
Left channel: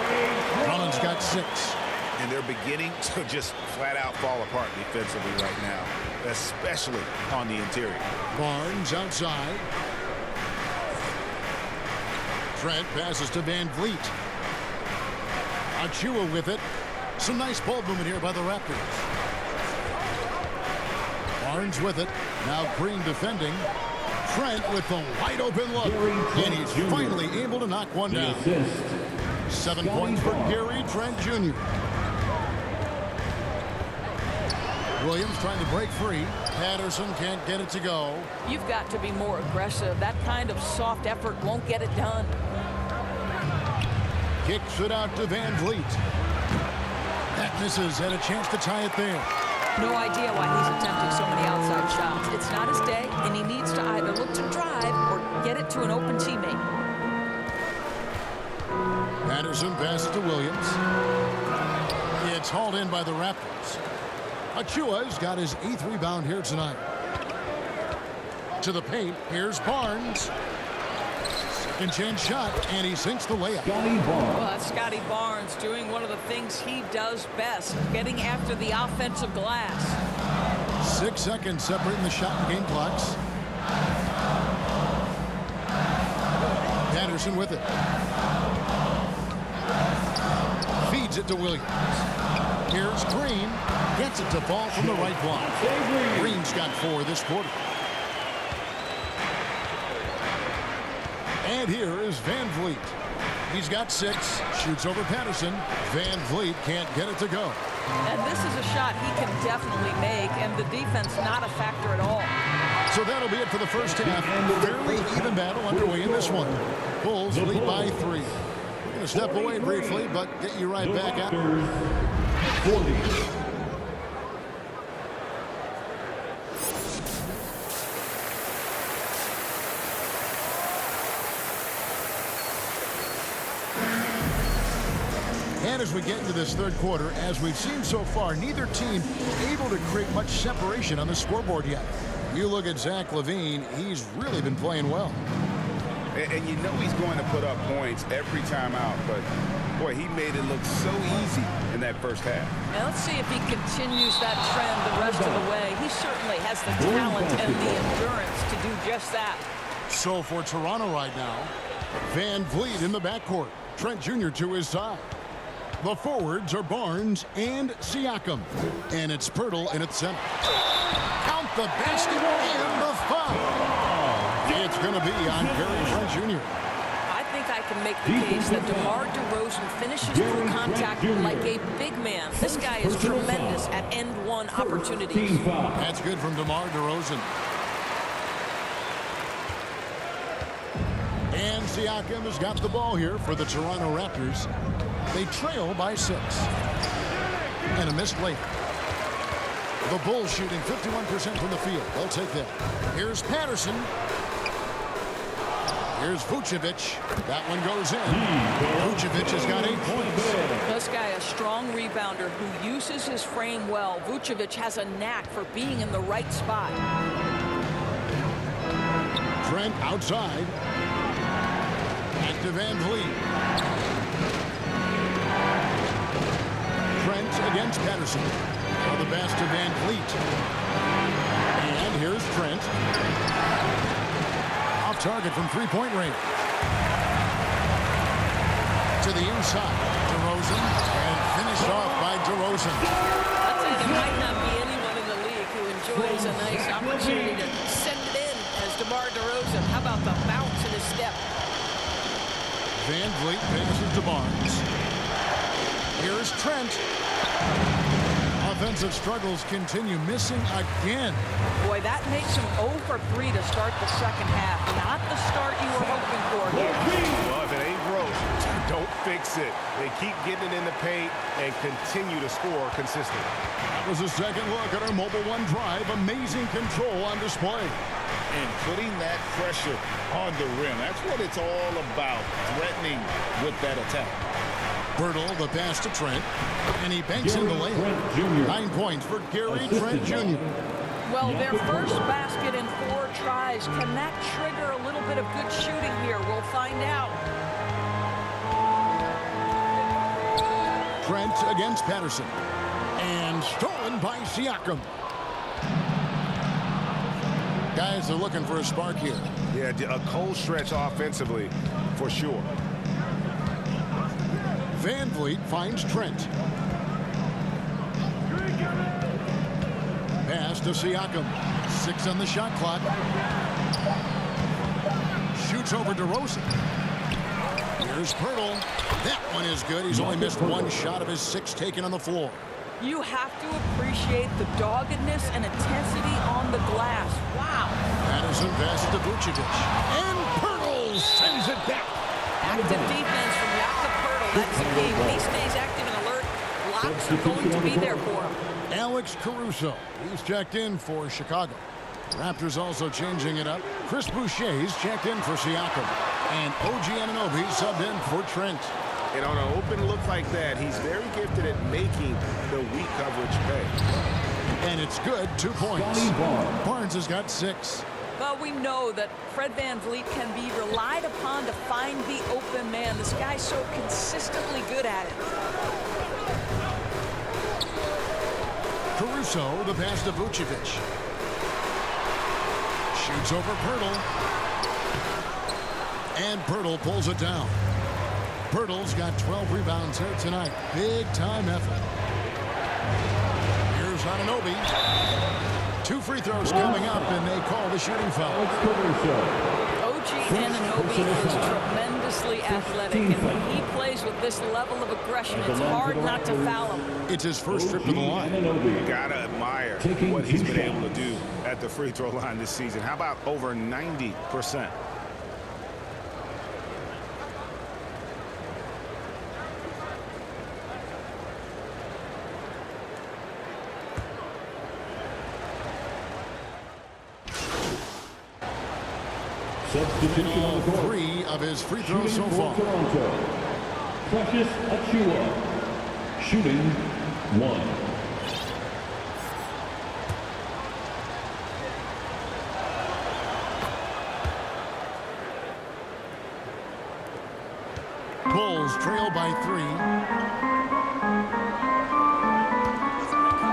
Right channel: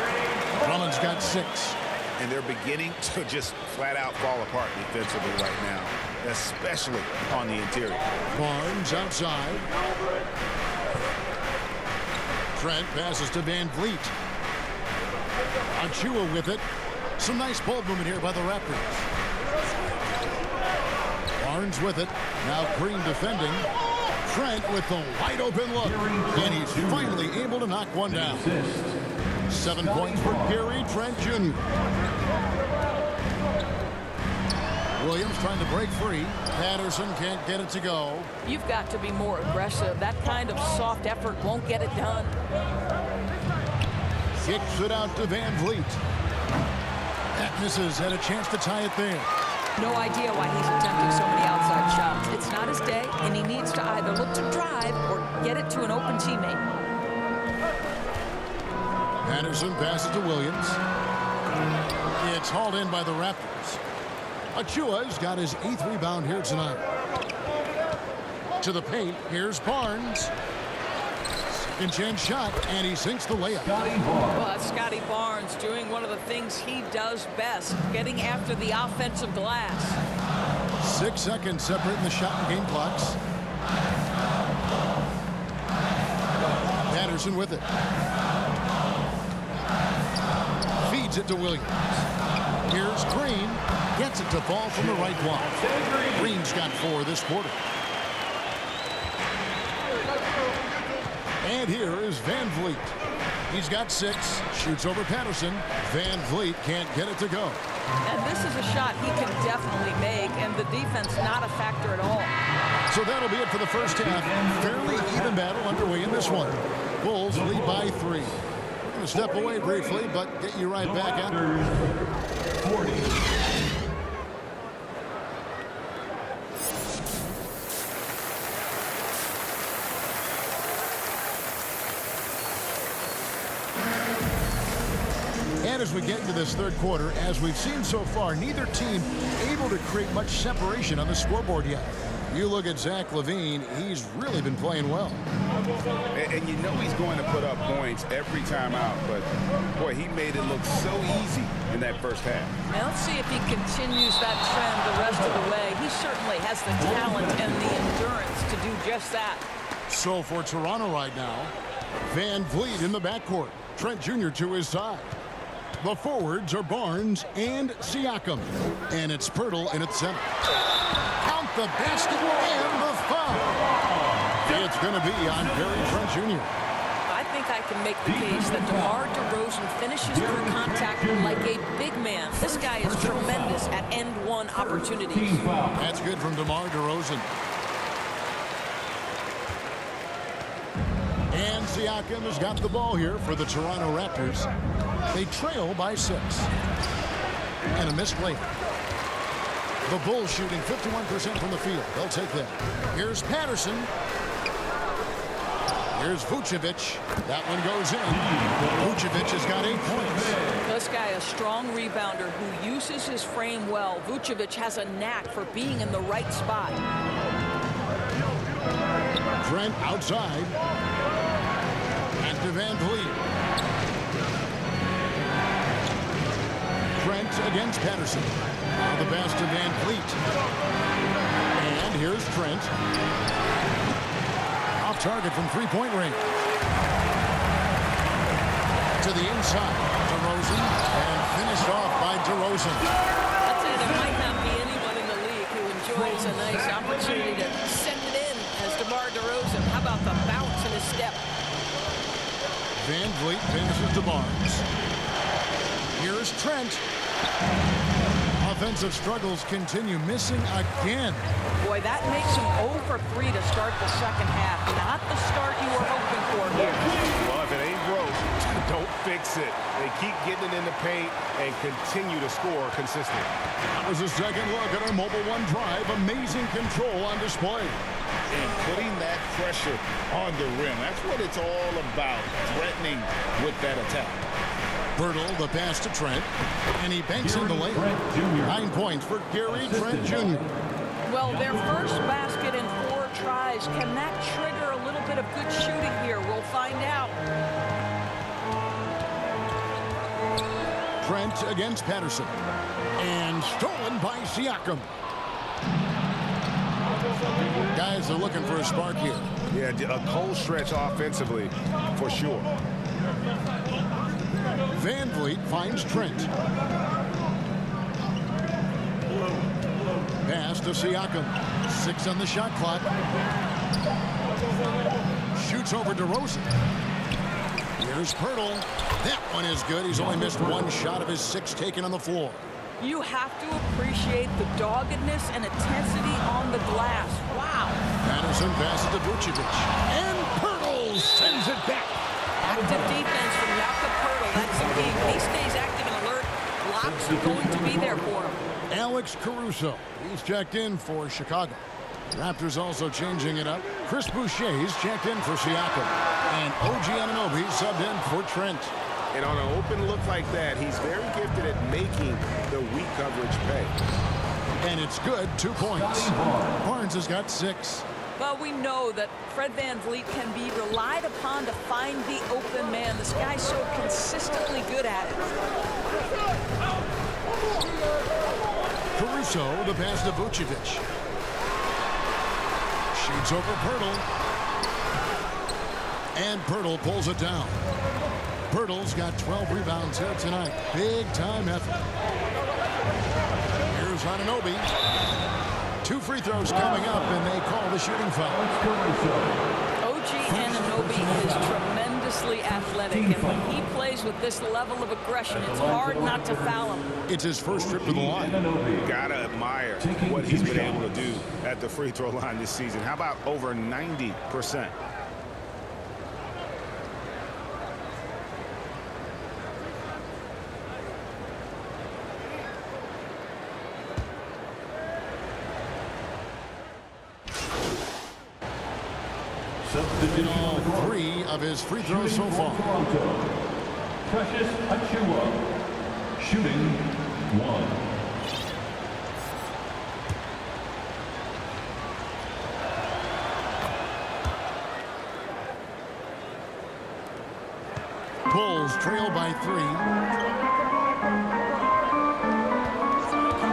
Drummond's got 6. And they're beginning to just flat out fall apart defensively right now, especially on the interior. Barnes outside. Trent passes to Van Vliet. Achua with it. Some nice ball movement here by the Raptors. Barnes with it. Now Green defending. Trent with the wide open look. And he's finally able to knock one down. 7 points for Gary Trent Jr. Williams trying to break free. Patterson can't get it to go. You've got to be more aggressive. That kind of soft effort won't get it done. Kicks it out to Van Vliet. That misses. Had a chance to tie it there. No idea why he's attempting so many outside shots. It's not his day, and he needs to either look to drive or get it to an open teammate. Patterson passes to Williams. It's hauled in by the Raptors. Achua's got his 8th rebound here tonight. To the paint, here's Barnes. Second chance shot, and he sinks the layup. Well, that's Scotty Barnes doing one of the things he does best, getting after the offensive glass. 6 seconds separating the shot and game clocks. Patterson with it. Feeds it to Williams. Here's Green. Gets it to fall from the right block. Green's got 4 this quarter. And here is Van Vliet. He's got 6. Shoots over Patterson. Van Vliet can't get it to go. And this is a shot he can definitely make, and the defense not a factor at all. So that'll be it for the first half. Fairly even battle underway in this one. Bulls lead by 3. We're going to step away briefly, but get you right back out. 40. And as we get into this third quarter, as we've seen so far, neither team able to create much separation on the scoreboard yet. You look at Zach LaVine, he's really been playing well. And you know he's going to put up points every time out, but boy, he made it look so easy in that first half. Now let's see if he continues that trend the rest of the way. He certainly has the talent and the endurance to do just that. So for Toronto right now, Van Vliet in the backcourt. Trent Jr. to his side. The forwards are Barnes and Siakam. And it's Poeltl in its center. Count the basket and the foul. It's going to be on Gary Trent Jr. I think I can make the case that DeMar DeRozan finishes through contact like a big man. This guy is tremendous at end-one opportunities. That's good from DeMar DeRozan. And Siakam has got the ball here for the Toronto Raptors. They trail by 6. And a missed layup. The Bulls shooting 51% from the field. They'll take that. Here's Patterson. Here's Vucevic. That one goes in. Vucevic has got 8 points. This guy, a strong rebounder who uses his frame well. Vucevic has a knack for being in the right spot. Trent outside. Back to Van Vliet. Trent against Patterson. Now the pass to Van Vliet. And here's Trent. Off target from three-point range. To the inside. DeRozan. And finished off by DeRozan. I'd say there might not be anyone in the league who enjoys a nice opportunity to send it in as DeMar DeRozan. How about the bounce in his step? Van Vliet passes to Barnes. Here's Trent. Offensive struggles continue, missing again. Boy, that makes him 0 for 3 to start the second half. Not the start you were hoping for here. Well, if it ain't broke, don't fix it. They keep getting it in the paint and continue to score consistently. That was a second look at our Mobile One drive. Amazing control on display. And putting that pressure on the rim. That's what it's all about, threatening with that attack. Poeltl, the pass to Trent, and he banks in the layup. 9 points for Gary Trent Jr. Well, their first basket in 4 tries. Can that trigger a little bit of good shooting here? We'll find out. Trent against Patterson. And stolen by Siakam. Guys are looking for a spark here. Yeah, a cold stretch offensively for sure. Van Vliet finds Trent. Pass to Siakam. 6 on the shot clock. Shoots over DeRozan. Here's Poeltl. That one is good. He's only missed 1 shot of his 6 taken on the floor. You have to appreciate the doggedness and intensity on the glass. Wow. Patterson passes to Vucevic. And Poeltl sends it back. Active defense from Jakob Poeltl. That's the key. When he stays active and alert, blocks are going to be there for him. Alex Caruso. He's checked in for Chicago. Raptors also changing it up. Chris Boucher's checked in for Siakam. And OG Anunoby subbed in for Trent. And on an open look like that, he's very gifted at making the weak coverage pay. And it's good. 2 points. Barnes has got 6. Well, we know that Fred VanVleet can be relied upon to find the open man. This guy's so consistently good at it. Caruso, the pass to Vucevic. Shoots over Poeltl. And Poeltl pulls it down. Poeltl's got 12 rebounds here tonight. Big time effort. Here's Anunoby. 2 free throws coming up, and they call the shooting foul. OG Anunoby is tremendously athletic, and when he plays with this level of aggression, it's hard not to foul him. It's his first trip to the line. Gotta admire what he's been able to do at the free throw line this season. How about over 90%? In all 3 of his free throws so far. Toronto, Precious Achiuwa, shooting 1. Bulls trail by 3.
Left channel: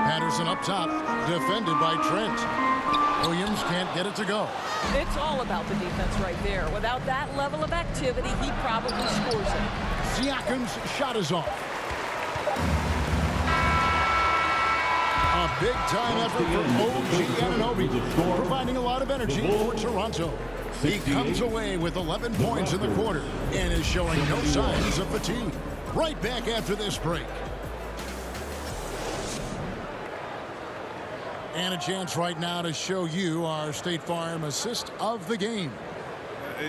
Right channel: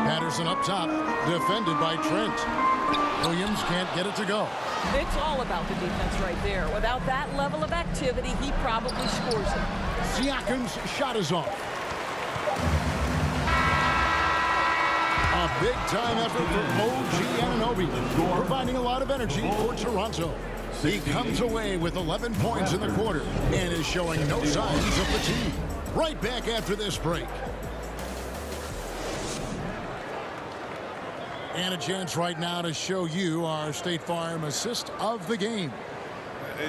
Patterson up top, defended by Trent. Williams can't get it to go. It's all about the defense right there. Without that level of activity, he probably scores it. Siakam's shot is off. A big-time effort for OG Anunoby, providing a lot of energy for Toronto. He comes away with 11 points in the quarter and is showing no signs of fatigue. Right back after this break. And a chance right now to show you our State Farm assist of the game.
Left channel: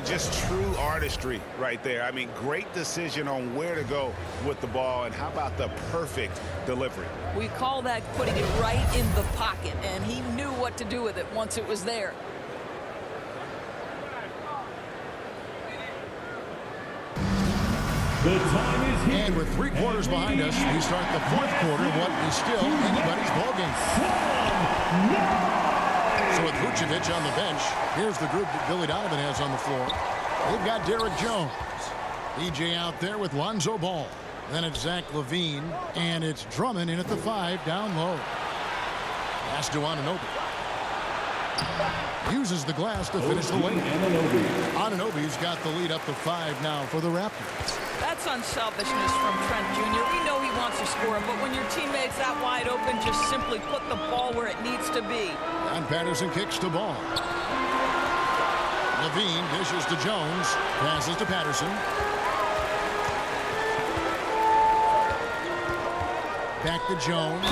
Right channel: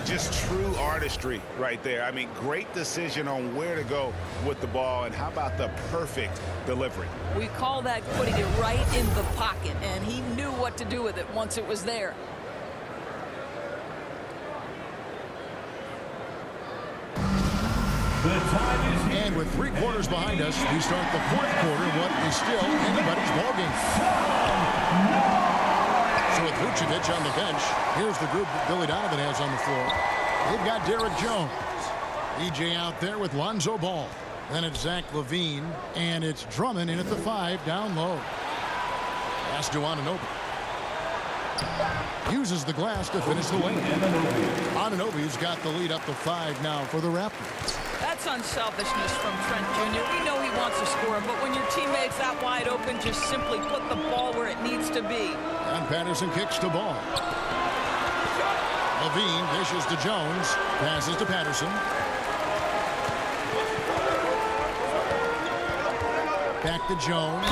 Just true artistry right there. I mean, great decision on where to go with the ball, and how about the perfect delivery? We call that putting it right in the pocket, and he knew what to do with it once it was there. The time is here. And with 3 quarters behind us, we start the 4th quarter, what is still anybody's ballgame. So with Vucevic on the bench, here's the group that Billy Donovan has on the floor. They've got Derek Jones. EJ out there with Lonzo Ball. Then it's Zach LaVine, and it's Drummond in at the 5 down low. Pass to Anunoby. Uses the glass to finish the lane. Anunoby's got the lead up to 5 now for the Raptors. That's unselfishness from Trent Jr. We know he wants to score, but when your teammate's that wide open, just simply put the ball where it needs to be. And Patterson kicks to Ball. LaVine dishes to Jones. Passes to Patterson. Back to Jones.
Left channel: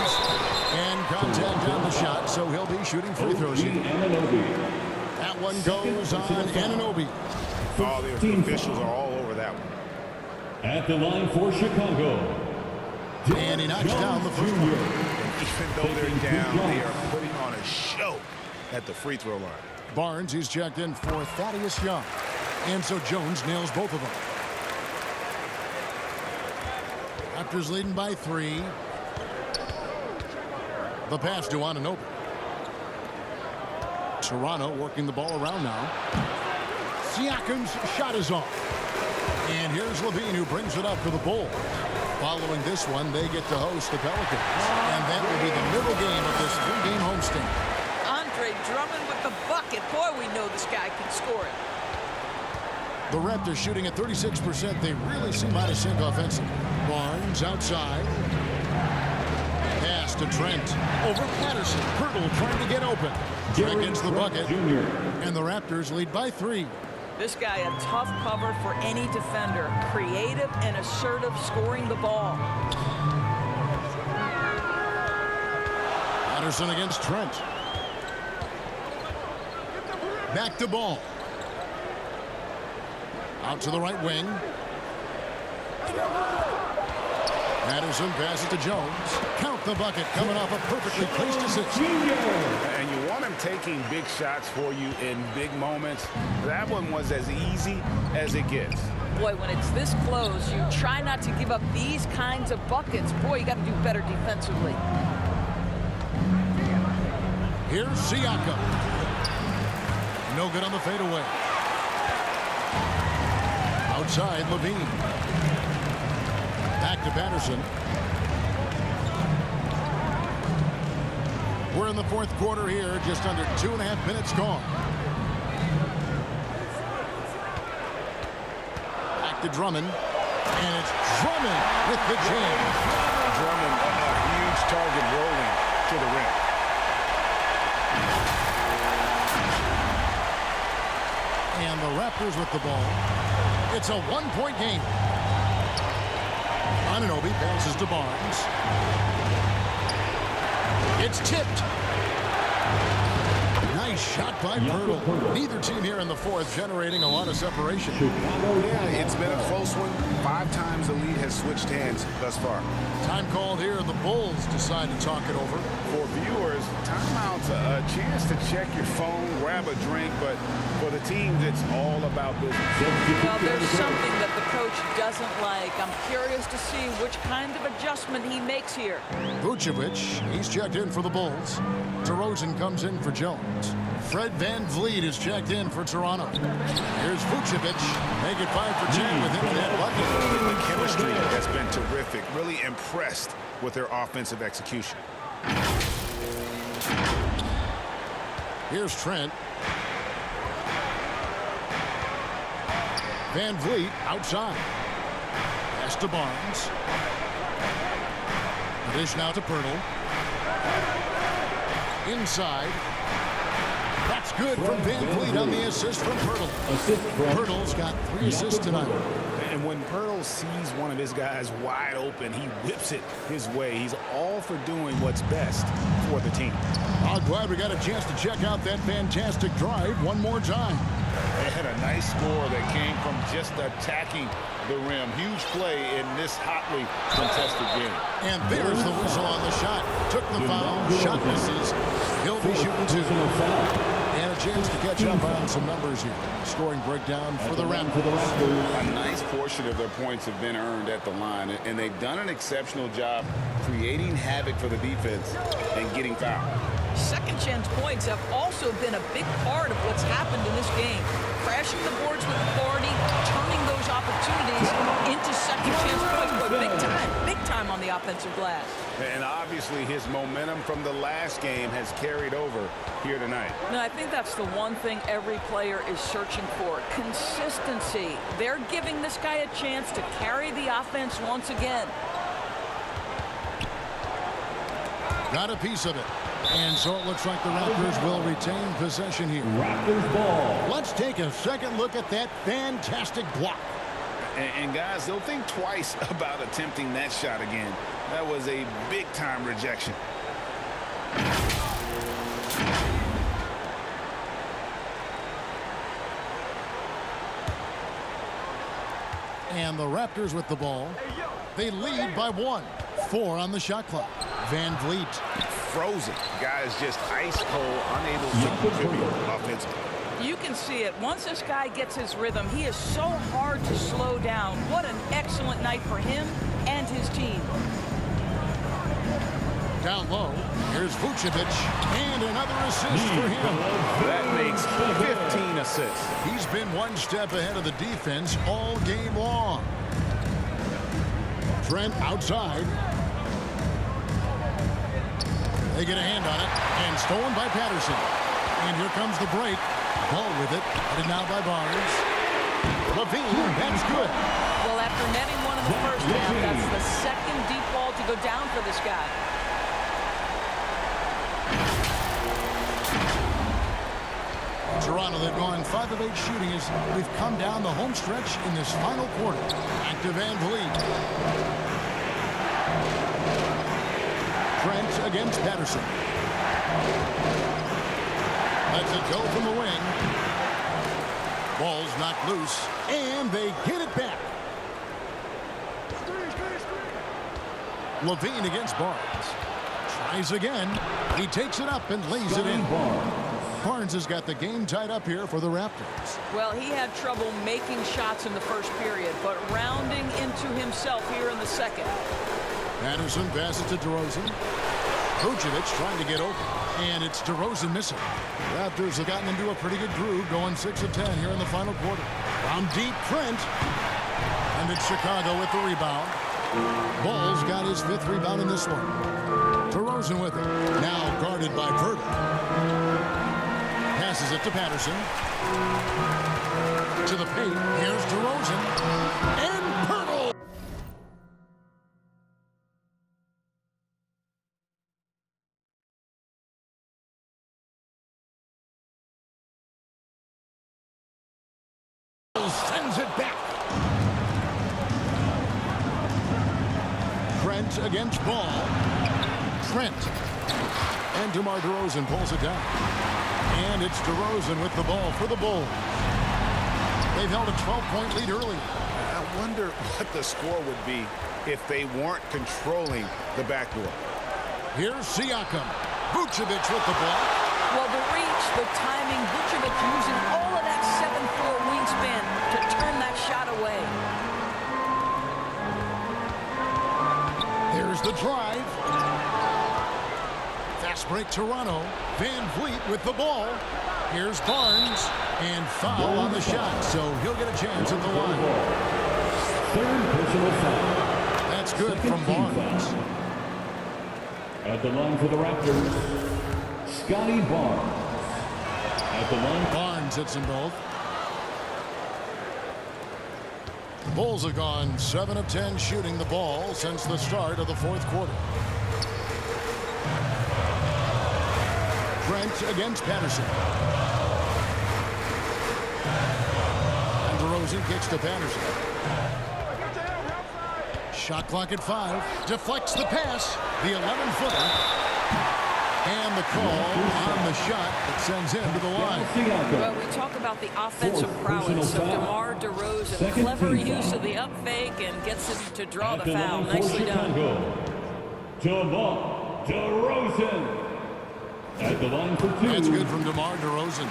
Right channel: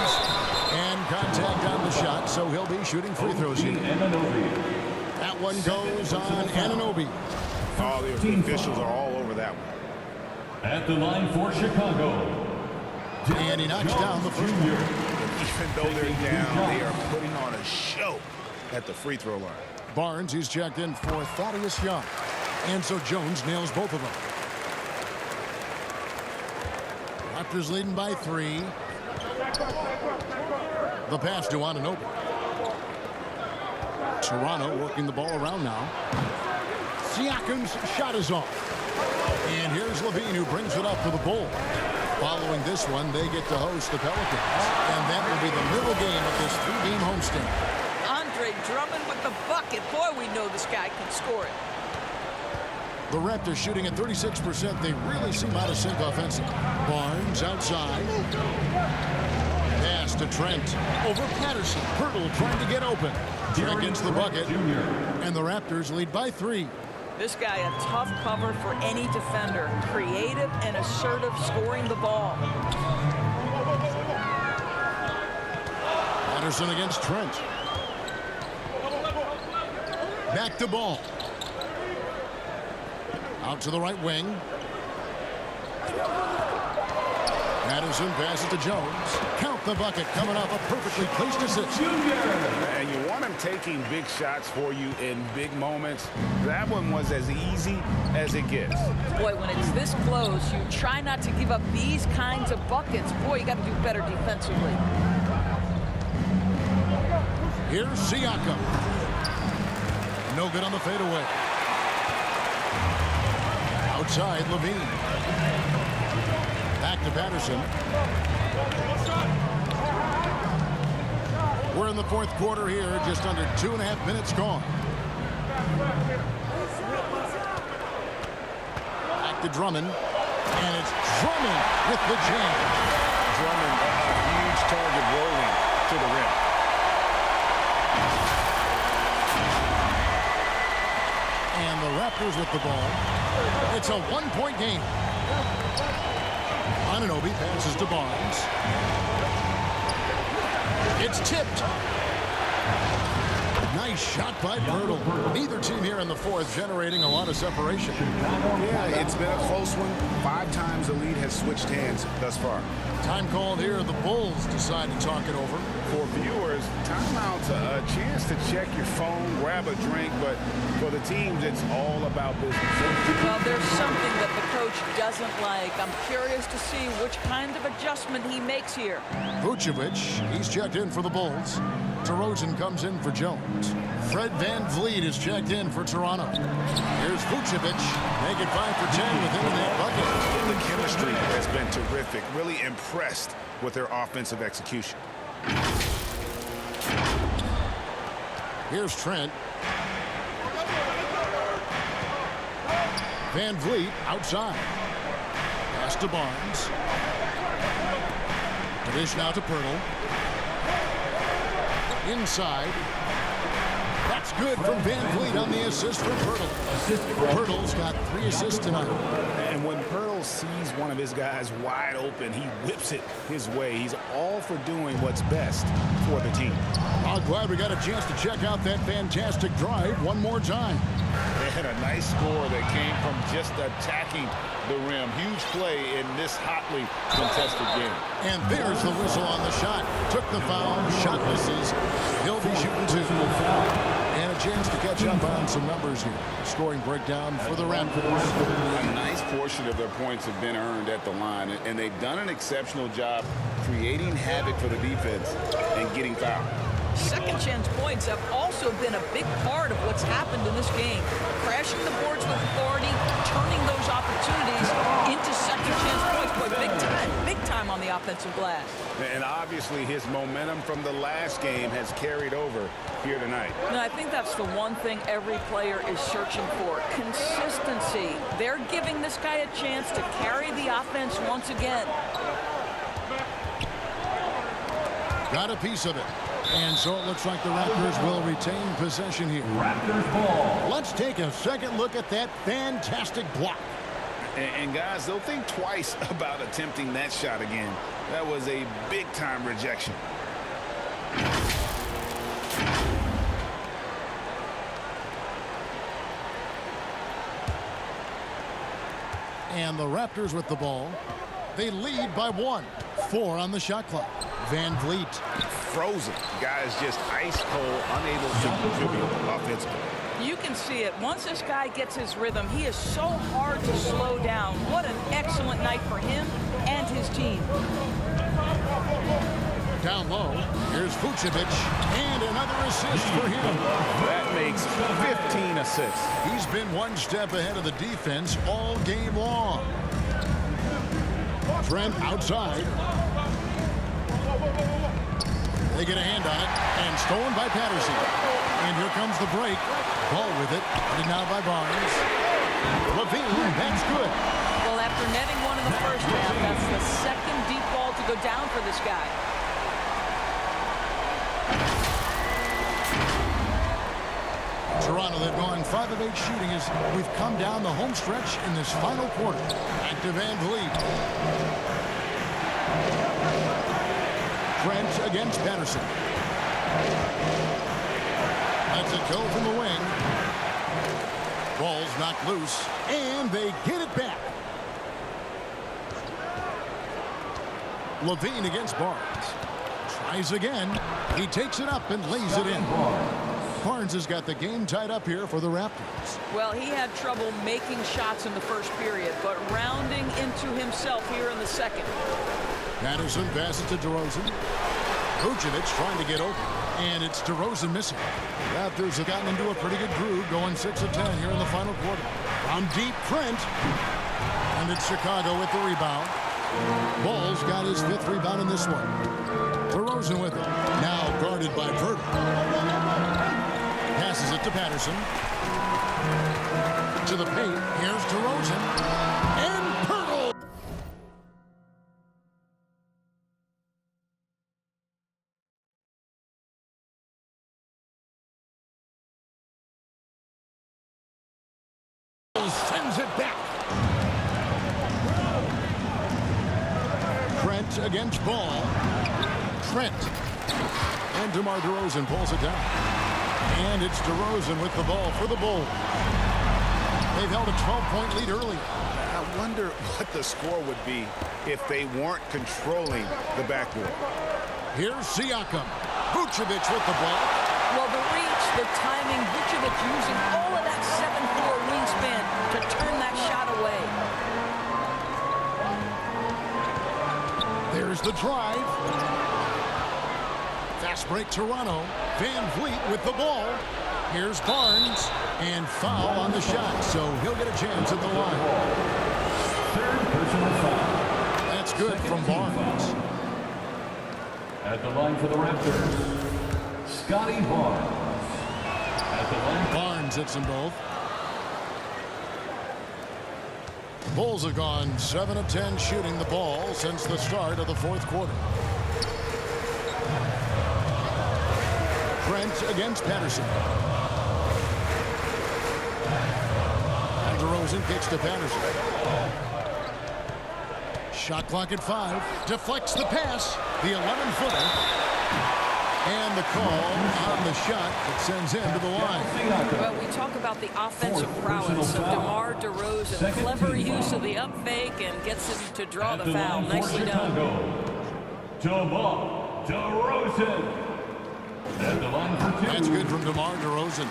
And contact on the shot, so he'll be shooting free throws here. That one goes on Anunoby. Oh, the officials are all over that one. At the line for Chicago. And he knocks down the first one. And even though they're down, they are putting on a show at the free throw line. Barnes, he's checked in for Thaddeus Young. And so Jones nails both of them. Raptors leading by 3. The pass to Anunoby. Toronto working the ball around now. Siakam's shot is off. And here's LaVine, who brings it up for the Bulls. Following this one, they get to host the Pelicans. And that will be the middle game of this 3-game homestand. Andre Drummond with the bucket. Boy, we know this guy can score it. The Raptors shooting at 36%. They really seem out of sync offensively. Barnes outside. Pass to Trent. Over Patterson. Pirtle trying to get open. Trent gets the bucket. And the Raptors lead by 3. This guy a tough cover for any defender. Creative and assertive scoring the ball. Patterson against Trent. Back to Ball. Out to the right wing. Patterson passes to Jones. Count the bucket, coming off a perfectly placed assist. And you want him taking big shots for you in big moments. That one was as easy as it gets. Boy, when it's this close, you try not to give up these kinds of buckets. Boy, you got to do better defensively. Here's Siakam. No good on the fadeaway. Outside, LaVine. Back to Patterson. We're in the 4th quarter here, just under 2.5 minutes gone. Back to Drummond. And it's Drummond with the jam. Drummond, a huge target rolling to the rim. And the Raptors with the ball. It's a 1-point game. Anunoby passes to Barnes. It's tipped. Nice shot by Pirtle. Neither team here in the 4th generating a lot of separation. Yeah, it's been a close one. 5 times the lead has switched hands thus far. Time called here. The Bulls decide to talk it over. For viewers, timeout's a chance to check your phone, grab a drink, but for the teams, it's all about business. Well, there's something that the coach doesn't like. I'm curious to see which kind of adjustment he makes here. Vucevic, he's checked in for the Bulls. DeRozan comes in for Jones. Fred VanVleet is checked in for Toronto. Here's Vucevic. Make it 5 for 10 with him in that bucket. The chemistry has been terrific. Really impressed with their offensive execution. Here's Trent. VanVleet outside. Pass to Barnes. The dish now to Poeltl. Inside. That's good from VanVleet on the assist from Poeltl. Poeltl's got 3 assists tonight. And when Poeltl sees one of his guys wide open, he whips it his way. He's all for doing what's best for the team. I'm glad we got a chance to check out that fantastic drive one more time. They had a nice score that came from just attacking the rim. Huge play in this hotly contested game. And there's the whistle on the shot. Took the foul. Shot misses. He'll be shooting 2. And a chance to catch up on some numbers here. Scoring breakdown for the Raptors. A nice portion of their points have been earned at the line, and they've done an exceptional job creating havoc for the defense and getting fouled. Second chance points have also been a big part of what's happened in this game. Crashing the boards with authority, turning those opportunities into second chance points. Boy, big time on the offensive glass. And obviously his momentum from the last game has carried over here tonight. And I think that's the one thing every player is searching for. Consistency. They're giving this guy a chance to carry the offense once again. Got a piece of it. And so it looks like the Raptors will retain possession here. Raptors ball. Let's take a second look at that fantastic block. And guys, they'll think twice about attempting that shot again. That was a big-time rejection. And the Raptors with the ball. They lead by 1. 4 on the shot clock. VanVleet. Frozen. Guys just ice cold, unable to contribute offensively. You can see it. Once this guy gets his rhythm, he is so hard to slow down. What an excellent night for him and his team. Down low, here's Vucevic, and another assist for him. That makes 15 assists. He's been one step ahead of the defense all game long. Trent outside. They get a hand on it, and stolen by Patterson. And here comes the break. Ball with it, guarded now by Barnes. LaVine, that's good. Well, after netting one in the first half, that's the second deep ball to go down for this guy. Toronto, they've gone 5 of 8 shooting as we've come down the home stretch in this final quarter. Back to VanVleet. Trent against Patterson. Lets it go from the wing. Ball's knocked loose, and they get it back. LaVine against Barnes. Tries again. He takes it up and lays it in. Barnes has got the game tied up here for the Raptors. Well, he had trouble making shots in the first period, but rounding into himself here in the second. Patterson passes to DeRozan. Vucevic trying to get open, and it's DeRozan missing. Raptors have gotten into a pretty good groove, going 6 of 10 here in the final quarter. From deep, Trent. And it's Chicago with the rebound. Ball's got his 5th rebound in this one. DeRozan with it. Now guarded by Poeltl. Passes it to Patterson. To the paint. Here's DeRozan. And Poeltl. Sends it back. Trent against Ball. Trent. And DeMar DeRozan pulls it down. And it's DeRozan with the ball for the Bulls. They've held a 12-point lead earlier. I wonder what the score would be if they weren't controlling the backboard. Here's Siakam. Vucevic with the block. Well, the reach, the timing, Vucevic using all of that 7'4" wingspan to turn that shot away. There's the drive. Fast break Toronto. VanVleet with the ball. Here's Barnes, and foul on the shot, so he'll get a chance at the line. Third personal foul. That's good from Barnes. At the line for the Raptors, Scotty Barnes. At the line, Barnes hits them both. The Bulls have gone 7 of 10 shooting the ball since the start of the fourth quarter. Trent against Patterson. And DeRozan kicks to Patterson. Shot clock at 5. Deflects the pass. The 11-footer. And the call on the shot that sends him to the line. Well, we talk about the offensive prowess of DeMar DeRozan. Clever use of the up fake and gets him to draw the foul. Nicely done. DeMar DeRozan. At the line for 2. That's good from DeMar DeRozan.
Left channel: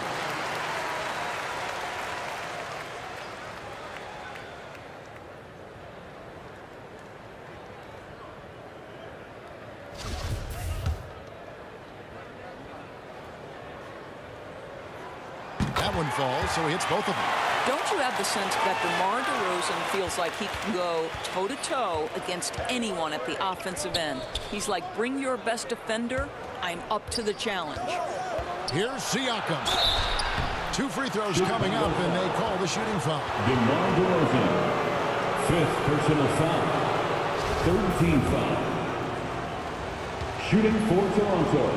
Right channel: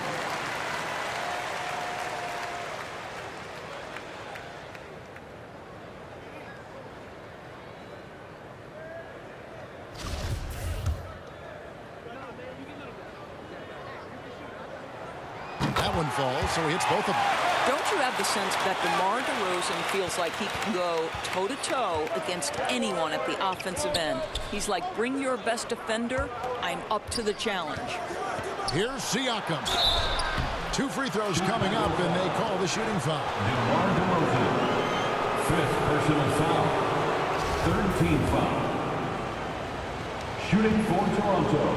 That one falls, so he hits both of them. Don't you have the sense that DeMar DeRozan feels like he can go toe-to-toe against anyone at the offensive end? He's like, bring your best defender. I'm up to the challenge. Here's Siakam. 2 free throws coming up, and they call the shooting foul. DeMar DeRozan. 5th personal foul. 3rd team foul. Shooting for Toronto,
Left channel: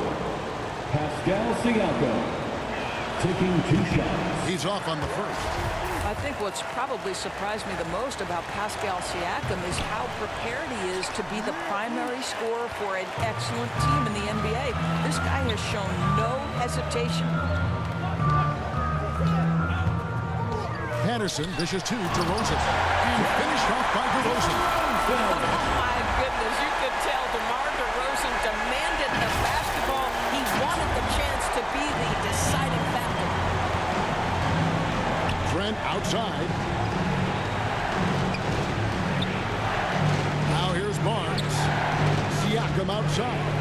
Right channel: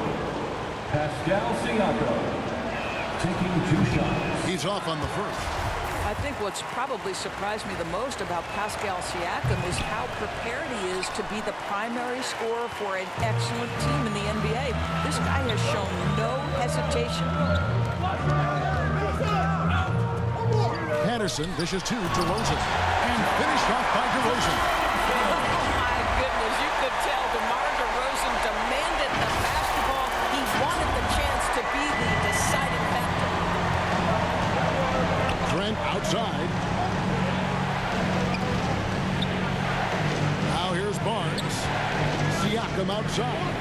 Pascal Siakam. Taking 2 shots. He's off on the first. I think what's probably surprised me the most about Pascal Siakam is how prepared he is to be the primary scorer for an excellent team in the NBA. This guy has shown no hesitation. Patterson dishes to DeRozan. And finished off by DeRozan. Oh, my goodness. You could tell DeMar DeRozan demanded the basketball. He wanted the chance to be the deciding factor. Trent outside. Now here's Barnes. Siakam outside.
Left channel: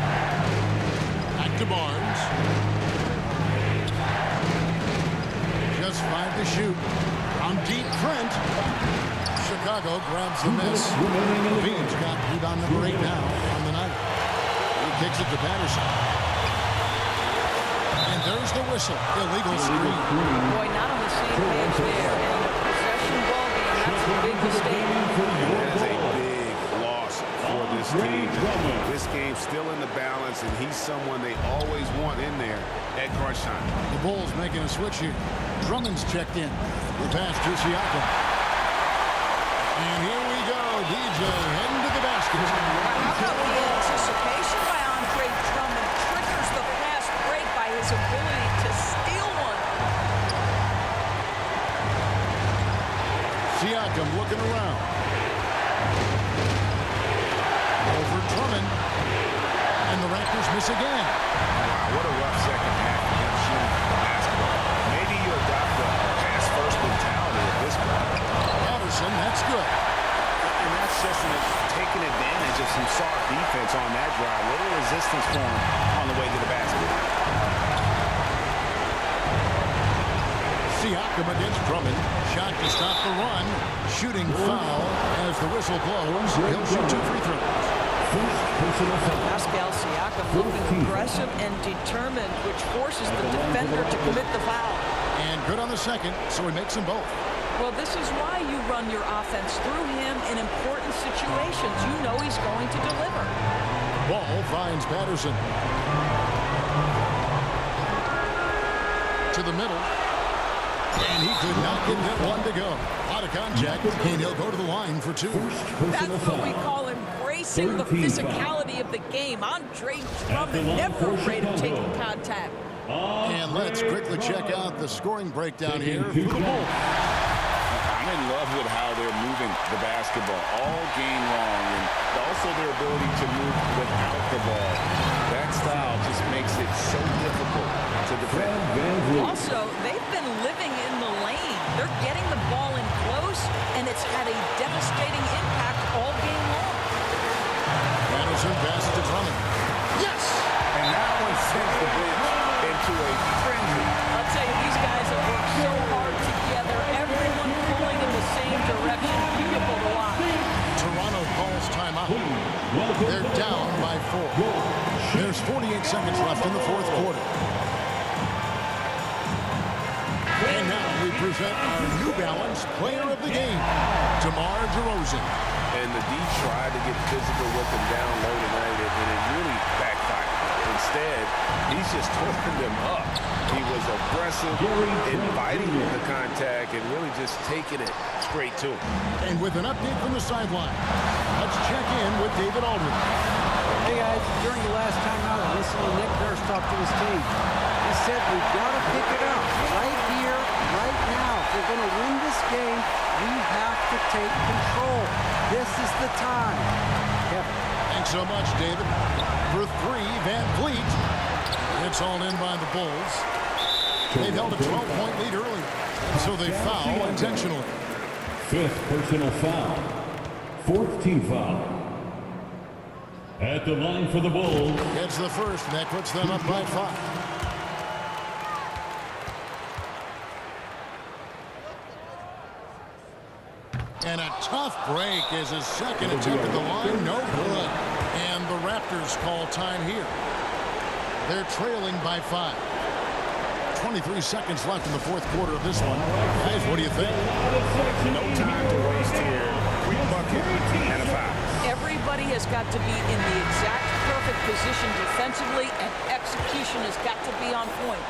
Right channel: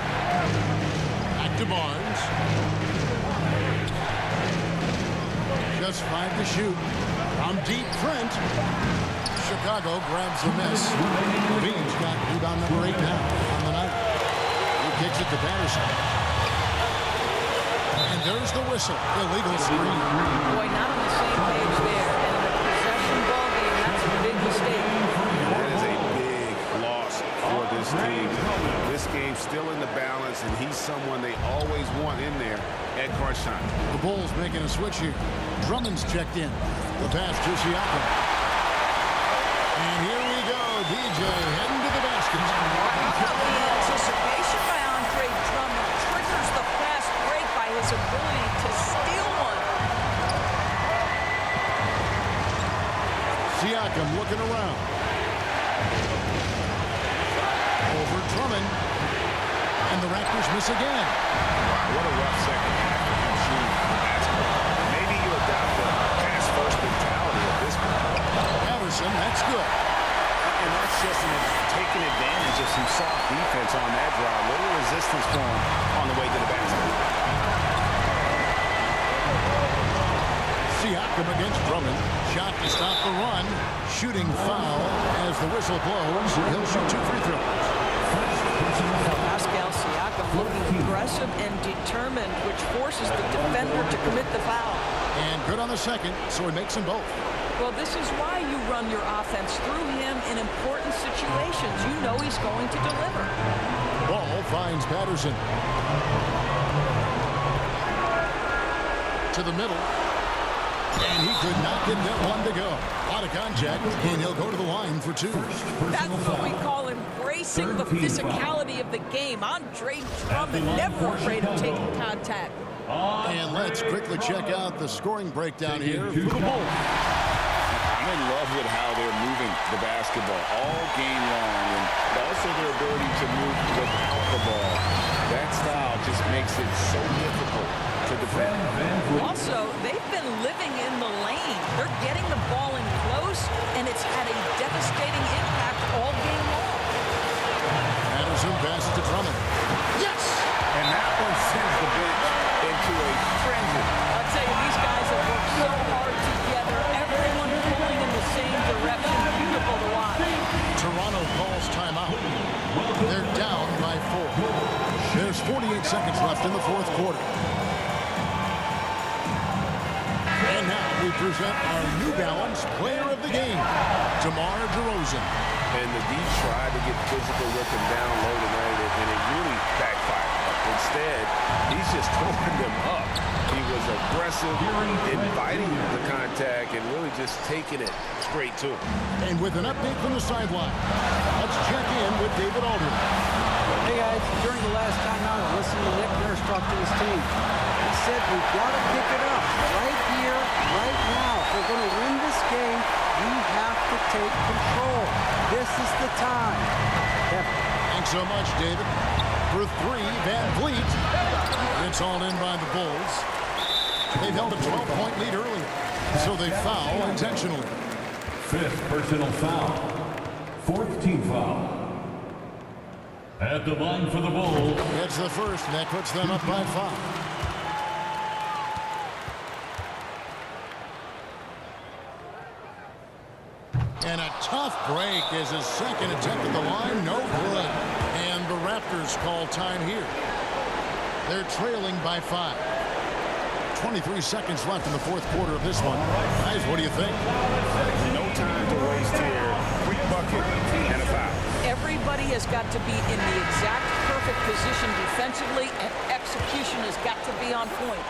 Back to Barnes. Just 5 to shoot. From deep, Trent. Chicago grabs the miss. Levine's got rebound number 8 now on the night. He kicks it to Patterson. And there's the whistle. Illegal screen. Boy, not on the same page there. And in a possession ball game, that's a big mistake. That is a big loss for this team. This game's still in the balance, and he's someone they always want in there at crunch time. The Bulls making a switch here. Drummond's checked in. The pass to Siakam. And here we go. DJ heading to the basket. How about the anticipation by Andre Drummond? Triggers the fast break by his ability to steal one. Siakam looking around. Over Drummond. And the Raptors miss again. Wow, what a rough second half for him shooting the basketball. Maybe you adopt the pass-first mentality at this point. Patterson, that's good. And that's just taking advantage of some soft defense on that drive. Little resistance for him on the way to the basket. Siakam against Drummond. Shot to stop the run. Shooting foul as the whistle blows. He'll shoot 2 free throws. Pascal Siakam looking aggressive and determined, which forces the defender to commit the foul. And good on the second, so he makes them both. Well, this is why you run your offense through him in important situations. You know he's going to deliver. Ball finds Patterson. To the middle. And he could not get that one to go. A lot of contact, and he'll go to the line for 2. That's what we call embracing the physicality of the game. Andre Drummond never afraid of taking contact. And let's quickly check out the scoring breakdown here for the Bulls. I'm in love with how they're moving the basketball all game long, and also their ability to move without the ball. That style just makes it so difficult to defend. Also, they've been living in the lane. They're getting the ball in close, and it's had a devastating impact all game long. Patterson passes to Drummond. Yes! And that one sends the bench into a frenzy. I'll tell you, these guys have worked so hard together, everyone pulling in the same direction. Beautiful to watch. Toronto calls timeout. They're down by 4. There's 48 seconds left in the fourth quarter. And now we present our New Balance Player of the Game, DeMar DeRozan. And the D tried to get physical with him down low tonight, and it really backfired. Instead, he's just throwing them up. He was aggressive, inviting the contact, and really just taking it straight to him. And with an update from the sideline, let's check in with David Aldridge. Hey, guys. During the last timeout, I listened to Nick Nurse talk to his team. He said we've got to pick it up right here, right now. If we're going to win this game, we have to take control. This is the time. Kevin. Thanks so much, David. For 3, Van Vliet. It's all in by the Bulls. They've held a 12-point lead earlier, and so they foul intentionally. 5th personal foul. 4th team foul. At the line for the Bulls. Gets the first, and that puts them up by 5. And a tough break as his second attempt at the line, no good. And the Raptors call time here. They're trailing by 5. 23 seconds left in the fourth quarter of this one. Guys, what do you think? No time to waste here. Quick bucket and a foul. Everybody has got to be in the exact perfect position defensively, and execution has got to be on point.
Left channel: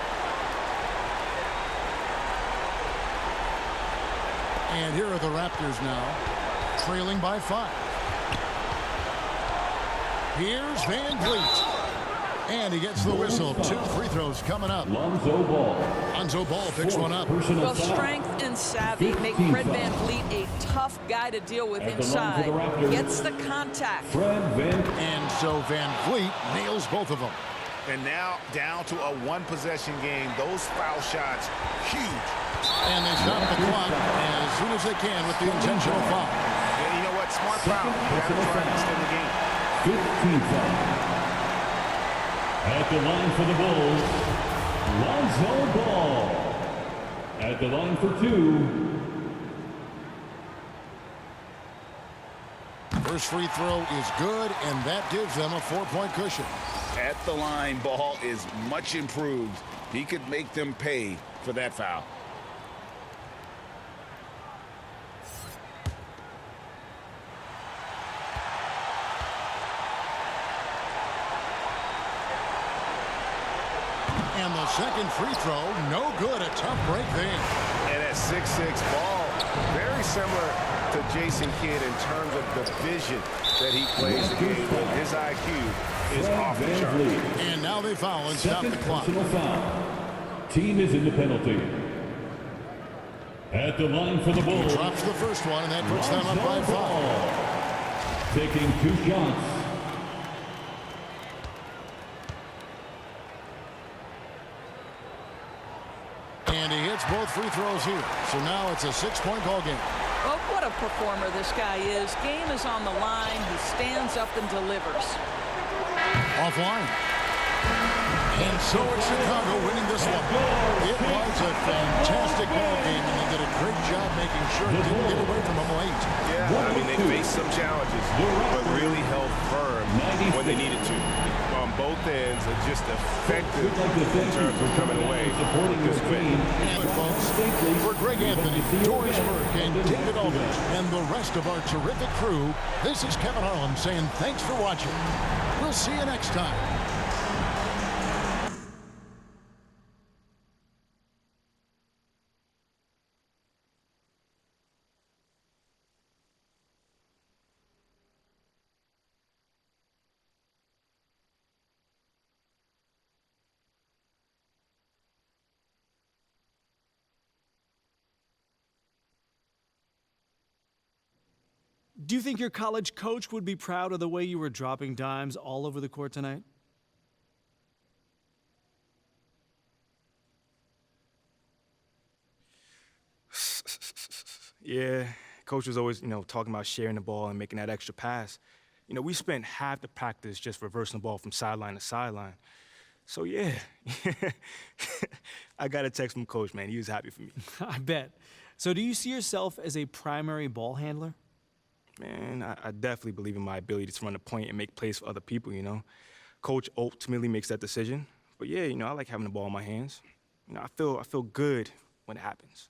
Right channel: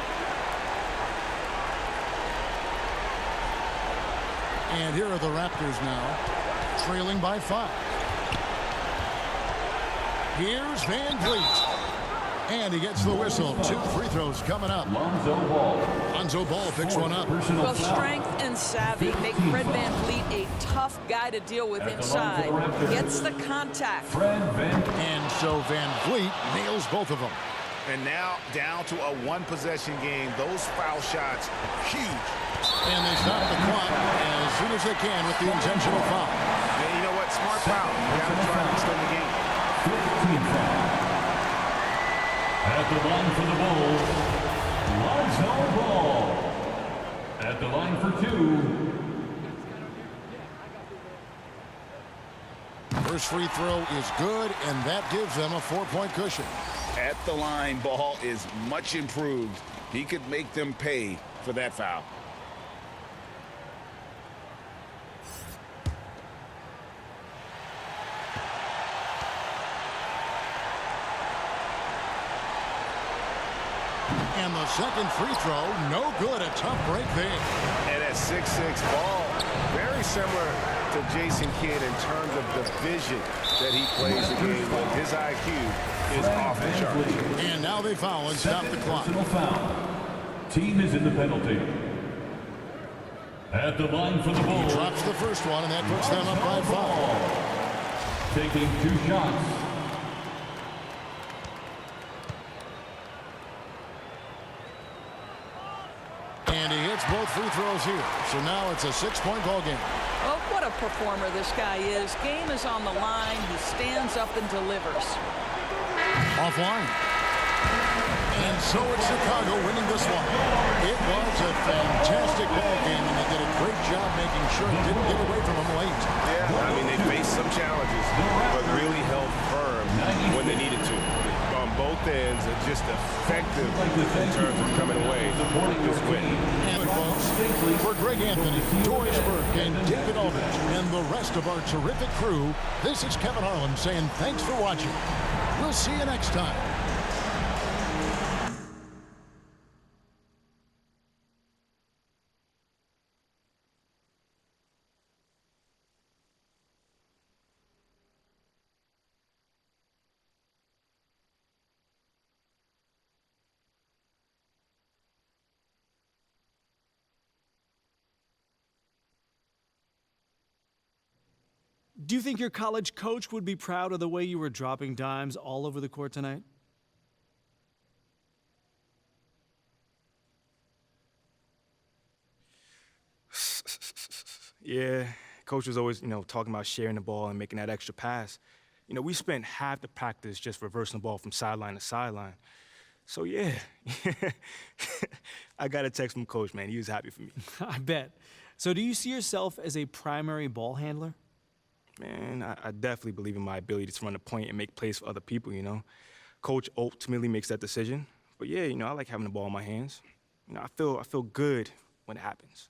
And here are the Raptors now, trailing by 5. Here's Van Vliet. And he gets the whistle. 2 free throws coming up. Lonzo Ball. Lonzo Ball picks one up. Well, strength and savvy make Fred Van Vliet a tough guy to deal with inside. Gets the contact. And so Van Vliet nails both of them. And now down to a one-possession game. Those foul shots, huge. And they stop the clock as soon as they can with the intentional foul. And you know what? Smart foul. You got to try to extend the game. 15 foul. At the line for the Bulls, Lonzo Ball. At the line for 2. First free throw is good, and that gives them a 4-point cushion. At the line, Ball is much improved. He could make them pay for that foul. And the second free throw, no good. A tough break there. And at 6'6", Ball, very similar to Jason Kidd in terms of the vision that he plays the game with. His IQ is off the charts. And now they foul and stop the clock. Foul. Team is in the penalty. At the line for the Bulls. He drops the first one, and that puts them up by 5. Taking 2 shots. And he hits both free throws here. So now it's a 6-point ball game. Oh, what a performer this guy is. Game is on the line. He stands up and delivers. Offline. And so it's Chicago winning this one. It was a fantastic ball game, and they did a great job making sure it didn't get away from them late. Yeah, I mean, they faced some challenges, but really held firm when they needed to. On both ends, are just effective in terms of coming away with this win. And folks, for Greg Anthony, Doris Burke, and David Aldridge, and the rest of our terrific crew, this is Kevin Harlan saying thanks for watching. We'll see you next time. Do you think your college coach would be proud of the way you were dropping dimes all over the court tonight? Yeah, coach was always, talking about sharing the ball and making that extra pass. We spent half the practice just reversing the ball from sideline to sideline. So, yeah, I got a text from Coach, man. He was happy for me. I bet. So do you see yourself as a primary ball handler? Man, I definitely believe in my ability to run the point and make plays for other people, you know. Coach ultimately makes that decision. But, yeah, you know, I like having the ball in my hands. You know, I feel good when it happens.